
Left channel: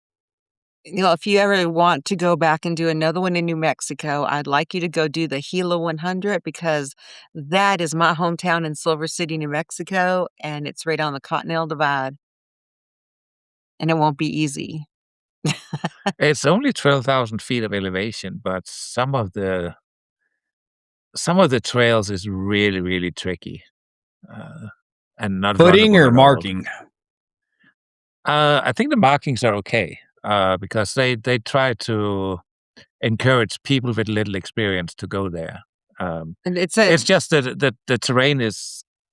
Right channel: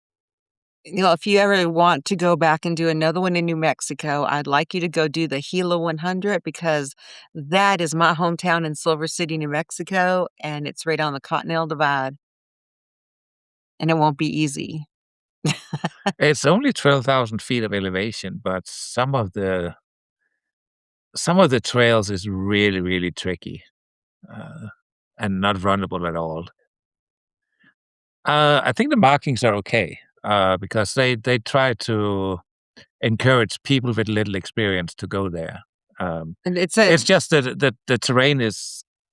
If you ever want to go back and do another one in New Mexico, I'd like you to go do the Gila 100, because that is my hometown in Silver City, New Mexico, and it's right on the Continental Divide, and it won't be easy. It's only 12,000 feet of elevation, but some of the trails is really, really tricky, uh, and not Pudding runnable or at all. marking? I think the markings are okay, because they try to encourage people with little experience to go there. And it's a It's just that the terrain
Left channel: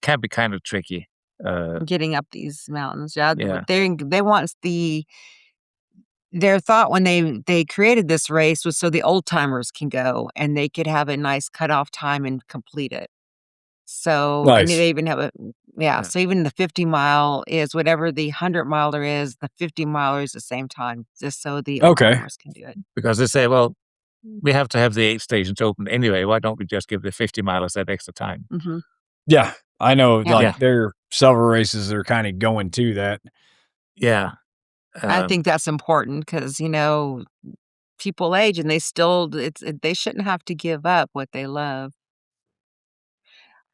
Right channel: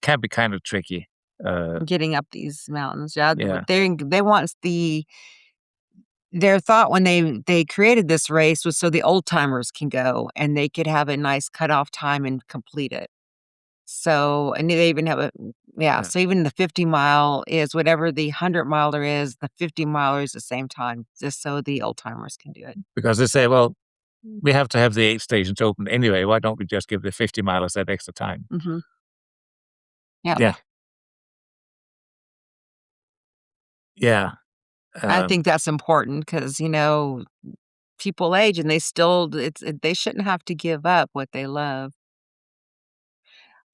can be kind of tricky. getting up these mountains. Yeah, Yeah. they want their thought when they created this race was so the old timers can go and they could have a nice cutoff time and complete it. So, and Nice. they even have yeah. Yeah. So even the 50-mile is whatever the 100-miler is. The 50-miler is the same time, just so the old Okay. timers can do it. Because they say, well, we have to have the aid stations open anyway. Why don't we just give the 50 milers that extra time? Hmm. Yeah, I know. Yeah, Yeah. Like, there are several races that are kind of going to that. Yeah. I Um, think that's important because people age and they shouldn't have to give up what they love.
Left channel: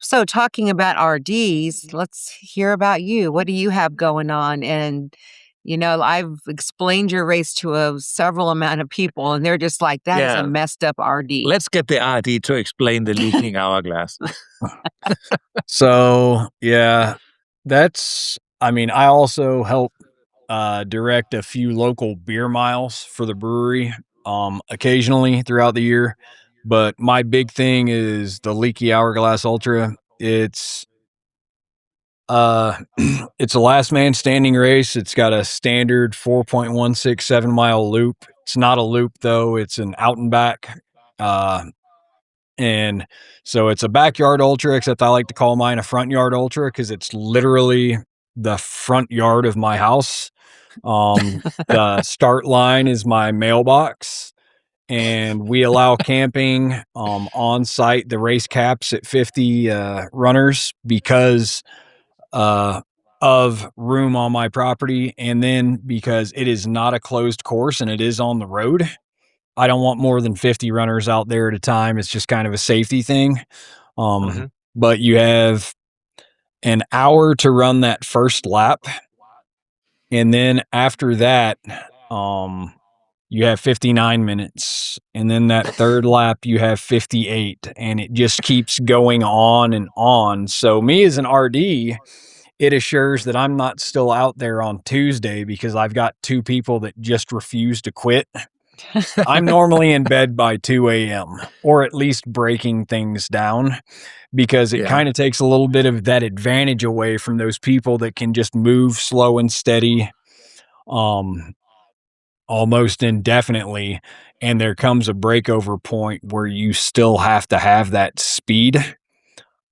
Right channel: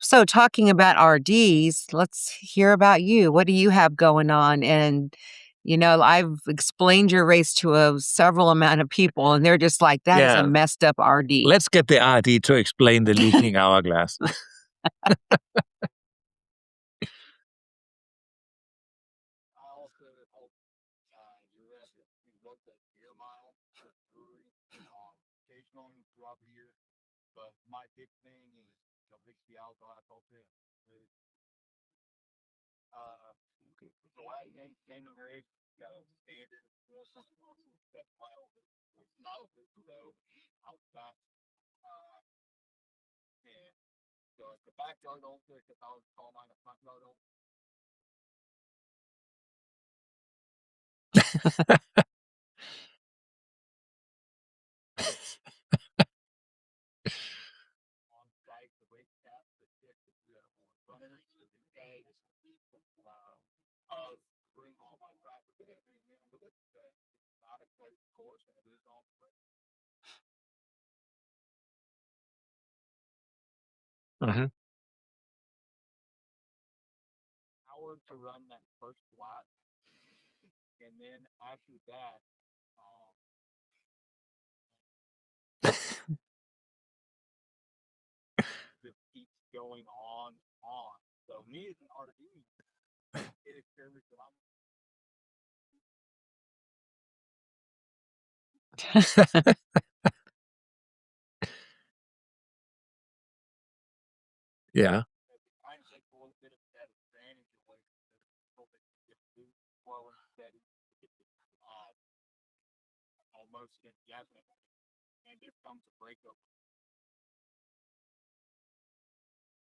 So talking about RDs, let's hear about you. What do you have going on? And I've explained your race to a several amount of people, and they're just like, "That is a yeah. messed up RD." Let's get the RD to explain the leaking hourglass. So yeah, I also help direct a few local beer miles for the brewery occasionally throughout the year. But my big thing is the Leaky Hourglass Ultra. Uh it's a last man standing race. It's got a standard 4.167-mile loop. It's not a loop though, it's an out and back. Uh and so it's a backyard ultra, except I like to call mine a front yard ultra because it's literally the front yard of my house. The start line is my mailbox, and we allow camping on site. The race caps at 50 runners because uh, of room on my property, and then because it is not a closed course and it is on the road. I don't want more than 50 runners out there at a time. It's just kind of a safety thing. Mhm. But you have an hour to run that first lap. And then after that, um, you have 59 minutes. And then that third lap, you have 58. And it just keeps going on and on. So, me as an RD, it assures that I'm not still out there on Tuesday because I've got 2 people that just refuse to quit. I'm normally in bed by 2 a.m. or at least breaking things down because it Yeah. kind of takes a little bit of that advantage away from those people that can just move slow and steady, um, almost indefinitely. And there comes a breakover point where you still have to have that speed.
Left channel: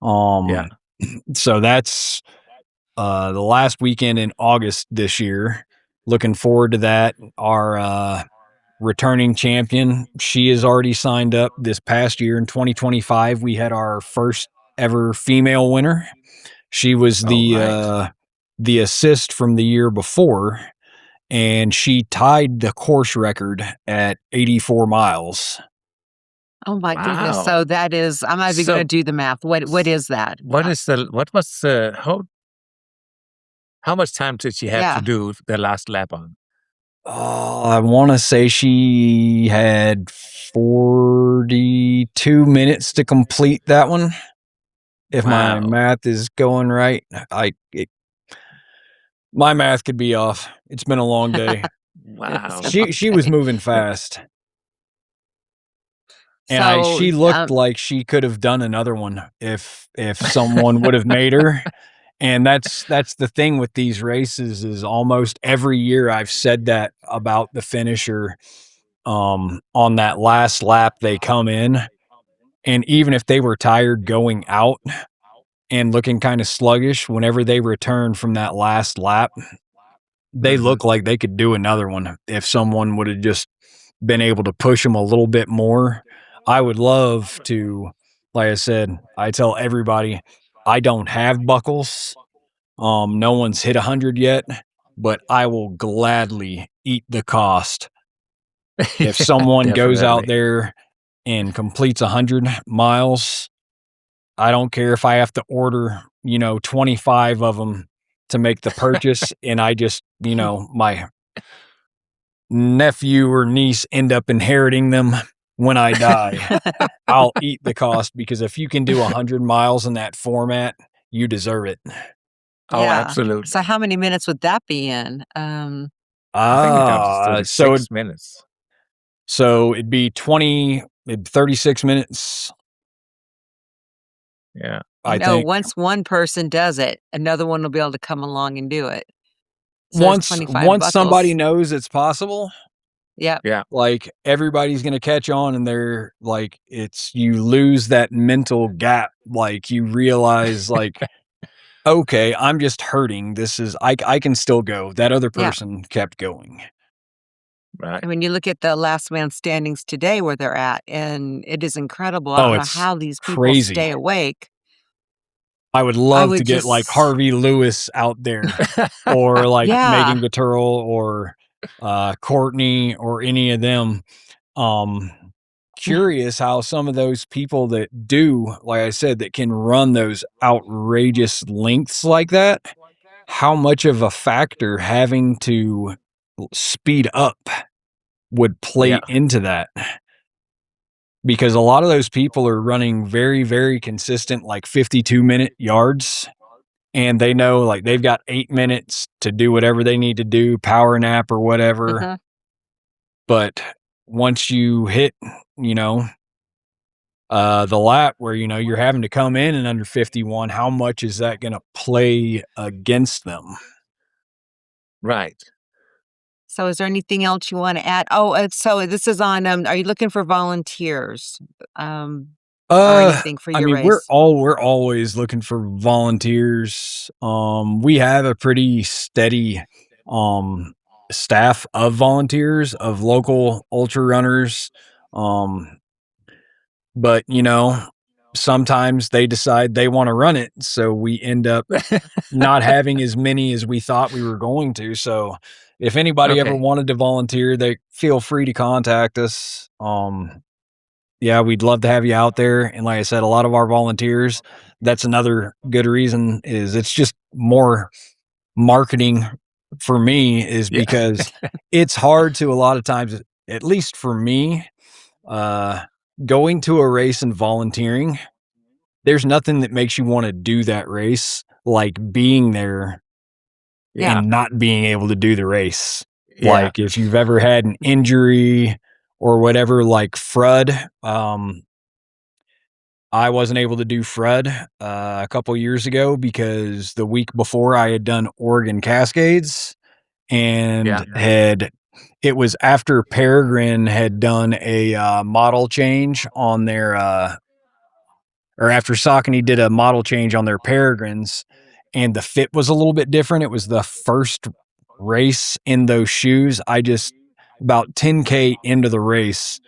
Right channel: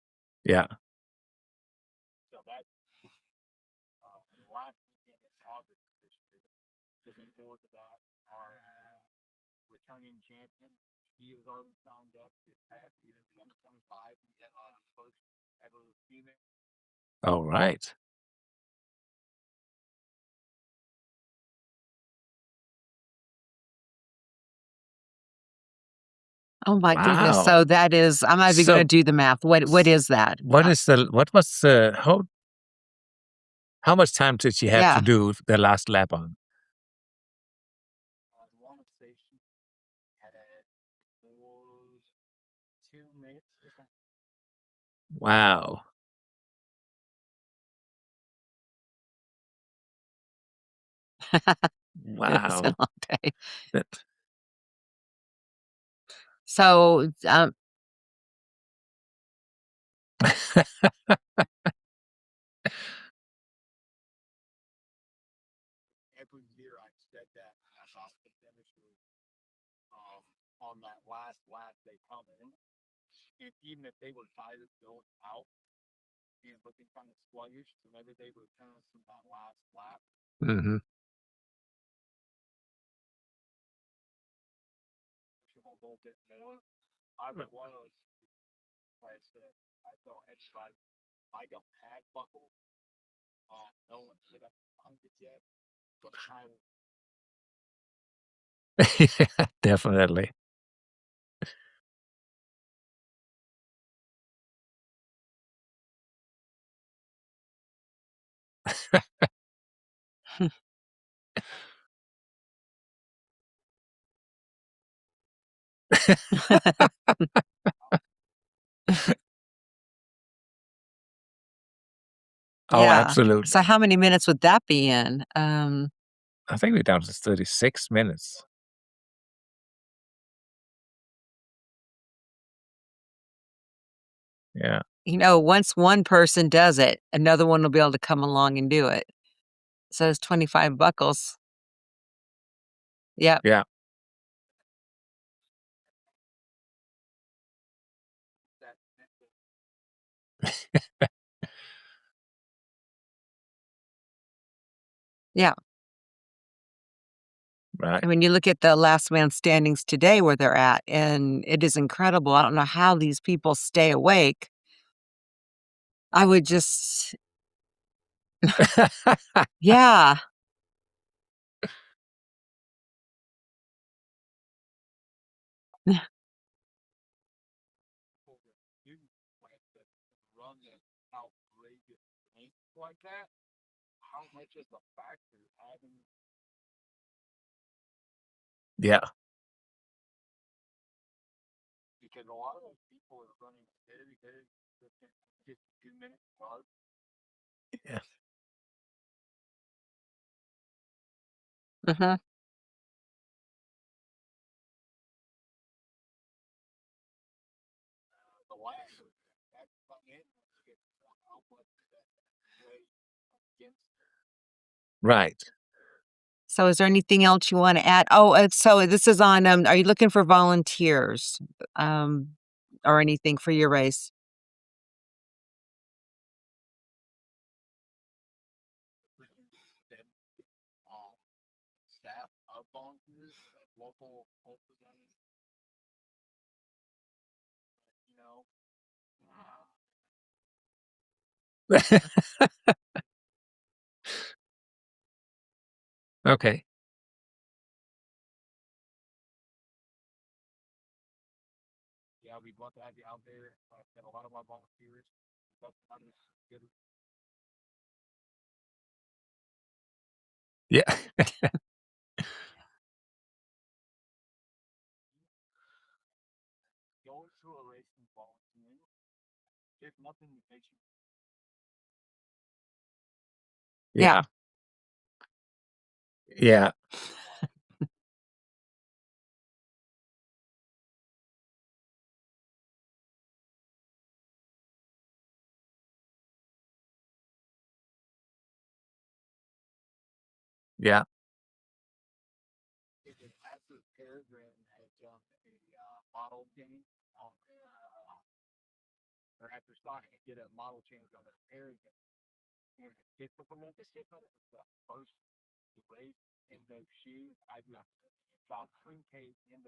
Yeah. Um, so that's the last weekend in August this year. Looking forward to that. Our returning champion, she is already signed up. This past year in 2025, we had our first ever female winner. She was All right. the assist from the year before, and she tied the course record at 84 miles. Oh my goodness. Wow. So that is, I'm not even going to So do the math. What is that? what was how much time did she have to Yeah. do the last lap on? Oh, I want to say she had 42 minutes to complete that one. If my Wow. math is going right, my math could be off. It's been a long day. It's Wow. a long She was day. moving fast, and So, she looked like she could have done another one if someone would have made her. And that's the thing with these races is almost every year I've said that about the finisher. On that last lap, they come in, and even if they were tired going out and looking kind of sluggish, whenever they return from that last lap, they Mhm. look like they could do another one if someone would have just been able to push them a little bit more. I would love to, like I said, I tell everybody I don't have buckles. No one's hit 100 yet, but I will gladly eat the cost if Yeah, someone goes out definitely. there and completes 100 miles. I don't care if I have to order, 25 of them to make the purchase, and I just, my nephew or niece end up inheriting them when I die. I'll eat the cost because if you can do 100 miles in that format, you deserve it. Oh, yeah. absolutely. So how many minutes would that be in? I think it comes to Ah, so it 36 minutes. so it'd be 36 minutes, Yeah. I think. Once one person does it, another one will be able to come along and do it. So there's Once 25 once somebody buckles. knows it's possible, Yep. Yeah. like, everybody's gonna catch on and they're like, it's you lose that mental gap, like, you realize, like, "Okay, I'm just hurting, this is I can still go." That other Yeah. person kept going. Right. I mean, you look at the last man standings today where they're at, and it is incredible. I Oh, don't know it's how these people crazy. stay awake. I would I love to would get, like, just Harvey Lewis out there or, like, yeah. Megan Gutturl or, Courtney or any of them. Um, Curious how some of those people that do, like I said, that can run those outrageous lengths like that, how much of a factor having to speed up would Yeah. play into that. Because a lot of those people are running very, very consistent, like 52-minute yards, and they know, like, they've got 8 minutes to do whatever they need to do, power nap or whatever. Mhm. But once you hit, you know, the lap where, you're having to come in under 51, how much is that gonna play against them? Right. So is there anything else you wanna add? Oh, so this is on, are you looking for volunteers, um, or anything for I your mean, race? we're always looking for volunteers. We have a pretty steady, um, staff of volunteers, of local ultra runners, um, but, sometimes they decide they wanna run it, so we end up not having as many as we thought we were going to. So if anybody ever Okay. wanted to volunteer, they feel free to contact us. Yeah, we'd love to have you out there. And like I said, a lot of our volunteers, that's another good reason is it's just more marketing for me is Yeah. because it's hard to a lot of times, at least for me, uh, going to a race and volunteering. there's nothing that makes you wanna do that race like being there Yeah. and not being able to do the race. Yeah. Like, if you've ever had an injury or whatever, like Frud, I wasn't able to do Frud, a couple years ago because the week before I had done Oregon Cascades Yeah. and had it was after Peregrine had done a, model change on their, or after Saucony did a model change on their Peregrines, and the fit was a little bit different. It was the first race in those shoes. I just about 10K into the race,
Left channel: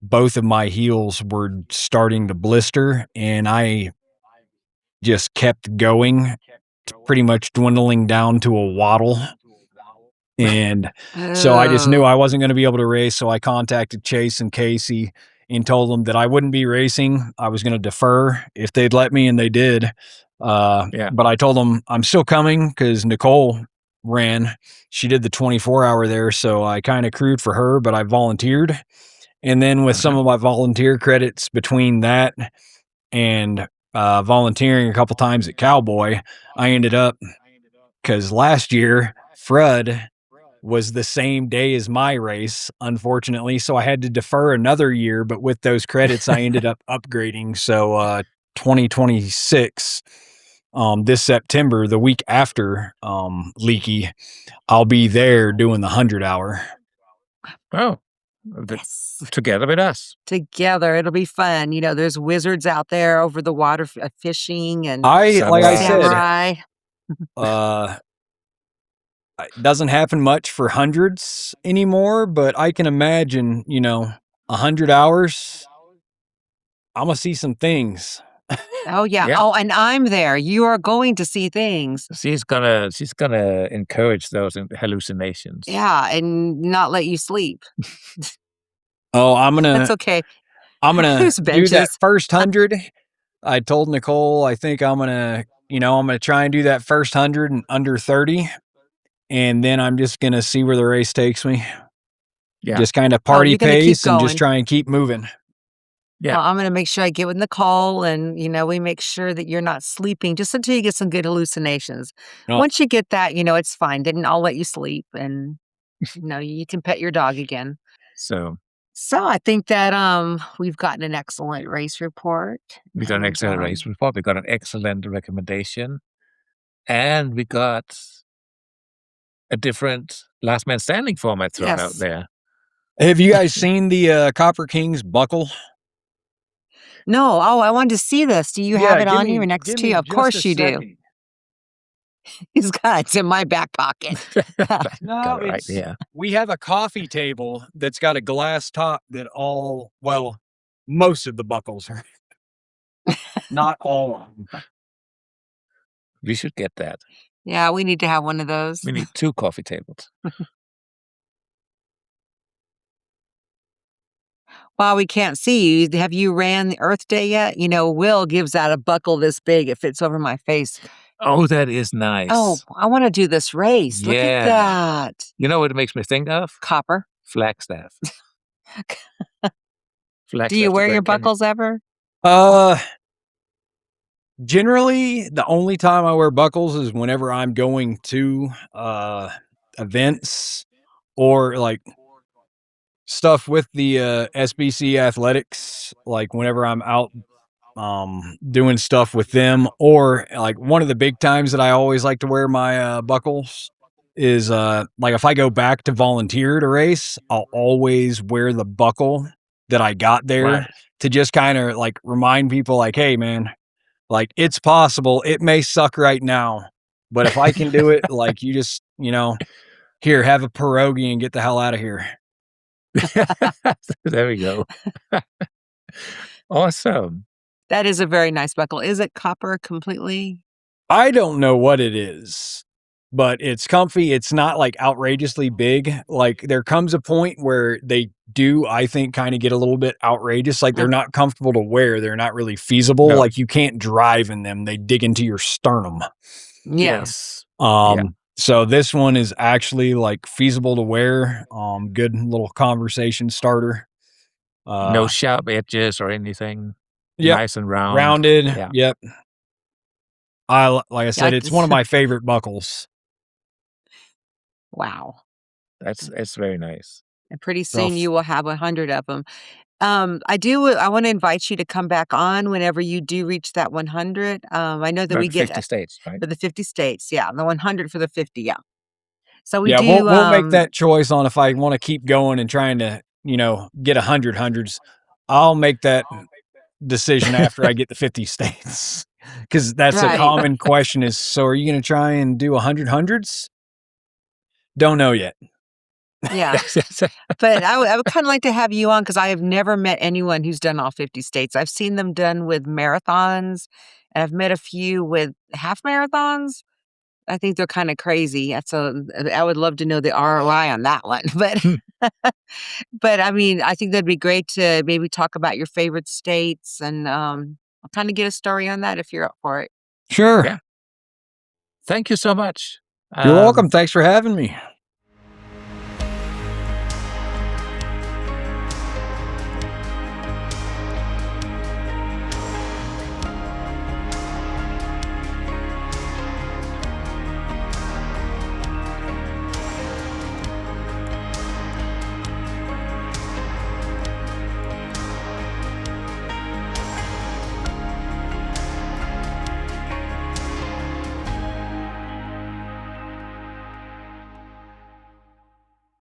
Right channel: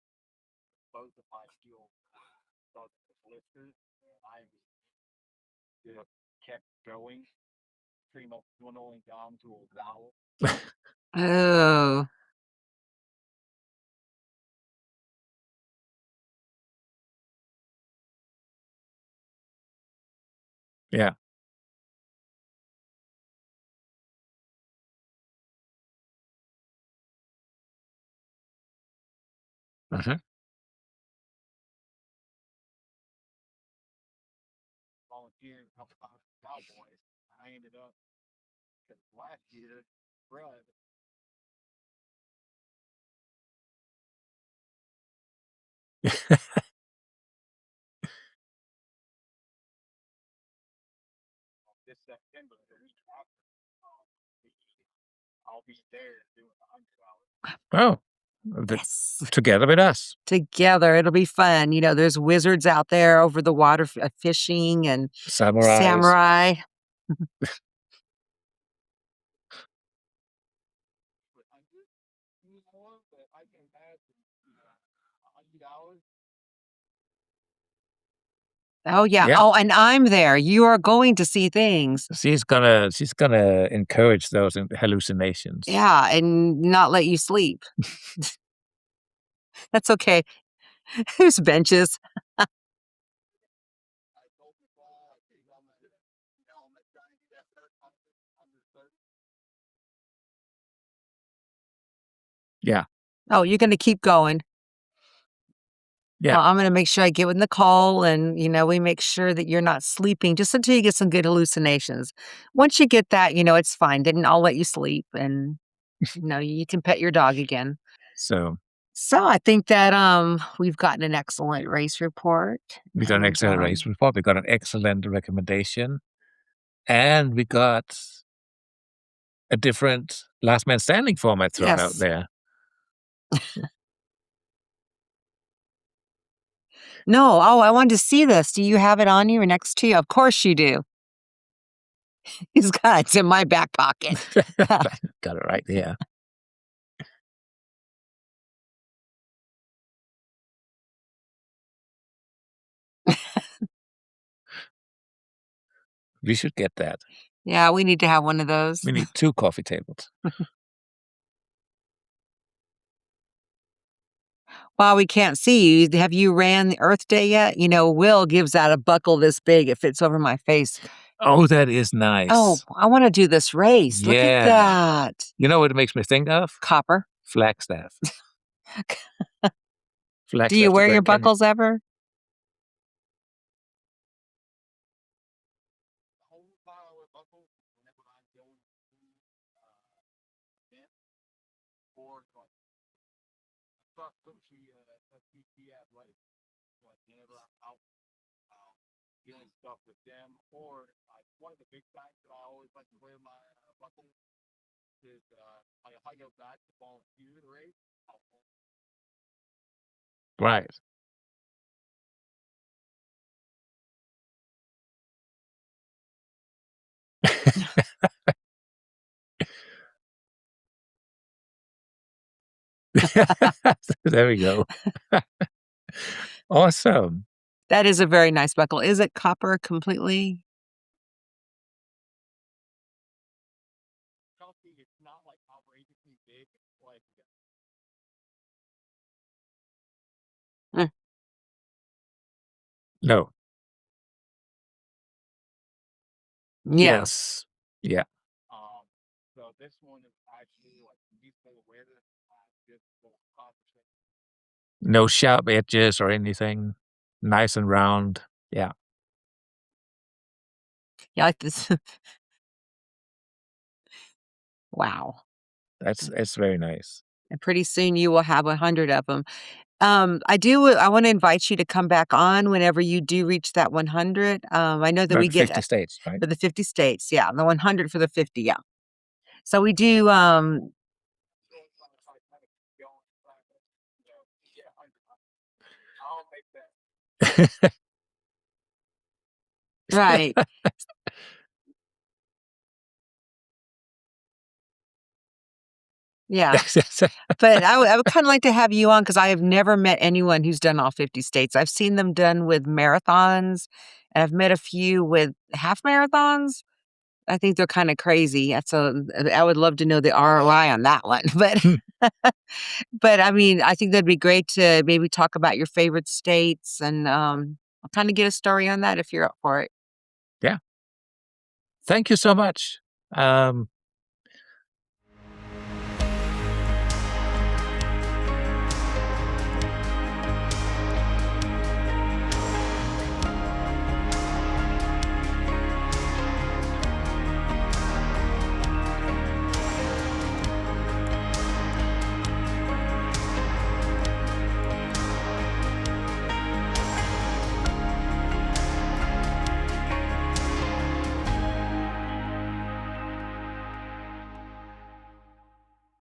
both of my heels were starting to blister, and I just kept going, pretty much dwindling down to a waddle. And so I just knew Oh, I wasn't gonna be able to race, so I contacted Chase and Casey and told them that I wouldn't be racing. I was gonna defer if they'd let me, and they did. Yeah. But I told them I'm still coming because Nicole ran. She did the 24-hour there, so I kinda crewed for her, but I volunteered. And then with some Uh-huh. of my volunteer credits between that and, volunteering a couple times at Cowboy, I ended up because last year, Fred was the same day as my race, unfortunately, so I had to defer another year, but with those credits, I ended up upgrading, so, 2026, this September, the week after, Leaky, I'll be there doing the 100-hour. Oh, the yes. together with us. Together, it'll be fun. There's wizards out there over the water fishing and Like I Samurais. said, samurai. uh, it doesn't happen much for hundreds anymore, but I can imagine, 100 hours, Imma see some things. Oh, yeah. Yeah. Oh, and I'm there. You are going to see things. She's gonna encourage those hallucinations. Yeah, and not let you sleep. Oh, That's okay. I'm gonna Whose do that benches? first 100. I told Nicole I think I'm gonna try and do that first 100 in under 30, and then I'm just gonna see where the race takes me. Yeah. Just kinda Oh, party you're gonna keep pace and just going. try and keep moving. Yeah. Well, I'm gonna make sure I get with Nicole and, we make sure that you're not sleeping just until you get some good hallucinations. No, Once you get that, it's fine. Then I'll let you sleep and, you can pet your dog again. So So I think that we've gotten an excellent race report we got an and excellent race report. We got an excellent recommendation, and we got a different last man standing format thrown out yes. there. have you guys seen the, Copper Kings buckle? No, oh, I wanted to see this. Do you have Yeah, it on you or next give to me you? Of just a course you do. second. He's got it's in my back pocket. No, Got it right it's here. we have a coffee table that's got a glass top that most of the buckles are, not all of them. We should get that. Yeah, we need to have one of those. We need 2 coffee tables. While we can't see you, have you ran the Earth Day yet? Will gives out a buckle this big. It fits over my face. Oh, that is Oh, nice. I wanna do this race. Look at Yeah. that. You know what it makes me think of? Copper. Flagstaff. Do you Flagstaff, the wear your Grand Canyon. buckles ever? Uh, Generally, the only time I wear buckles is whenever I'm going to, events or, like, stuff with the, SBC athletics, like, whenever I'm out, doing stuff with them, or, like, one of the big times that I always like to wear my, buckles is, like, if I go back to volunteer to race, I'll always wear the buckle that I got Right. there to just kinda, like, remind people, like, "Hey, man, like, it's possible. It may suck right now, but if I can do it, like, you just, here, have a pierogi and get the hell out of here." There we go. Awesome. That is a very nice buckle. Is it copper completely? I don't know what it is, but it's comfy. It's not, like, outrageously big. Like, there comes a point where they do, I think, kinda get a little bit outrageous, like, Uh, they're not comfortable to wear, they're not really feasible, No. like, you can't drive in them, they dig into your sternum. yeah. Yes. Yeah. So this one is actually, like, feasible to wear, good little conversation starter. No Uh, sharp edges or anything. Yep. nice and round. Rounded. Yeah. Yep. Like I said, it's one of my favorite buckles. Wow. It's very nice. And pretty So soon you will have 100 of them. I wanna invite you to come back on whenever you do reach that 100. I know that About we get 50 states, right? for the 50 states, yeah, the 100 for the 50, yeah. So we yeah, do, we'll make that choice on if I want to keep going and trying to, get 100 hundreds. I'll make that decision after I get the 50 states. Because that's a right, common question is, so are you going to try and do 100 hundreds? Don't know yet. yeah. But I would kinda like to have you on because I have never met anyone who's done all 50 states. I've seen them done with marathons, and I've met a few with half marathons. I think they're kinda crazy, I would love to know the ROI on that one, but, I mean, I think that'd be great to maybe talk about your favorite states and, I'll kinda get a story on that if you're up for it. Sure. Yeah. Thank you so much. You're welcome. Thanks for having me.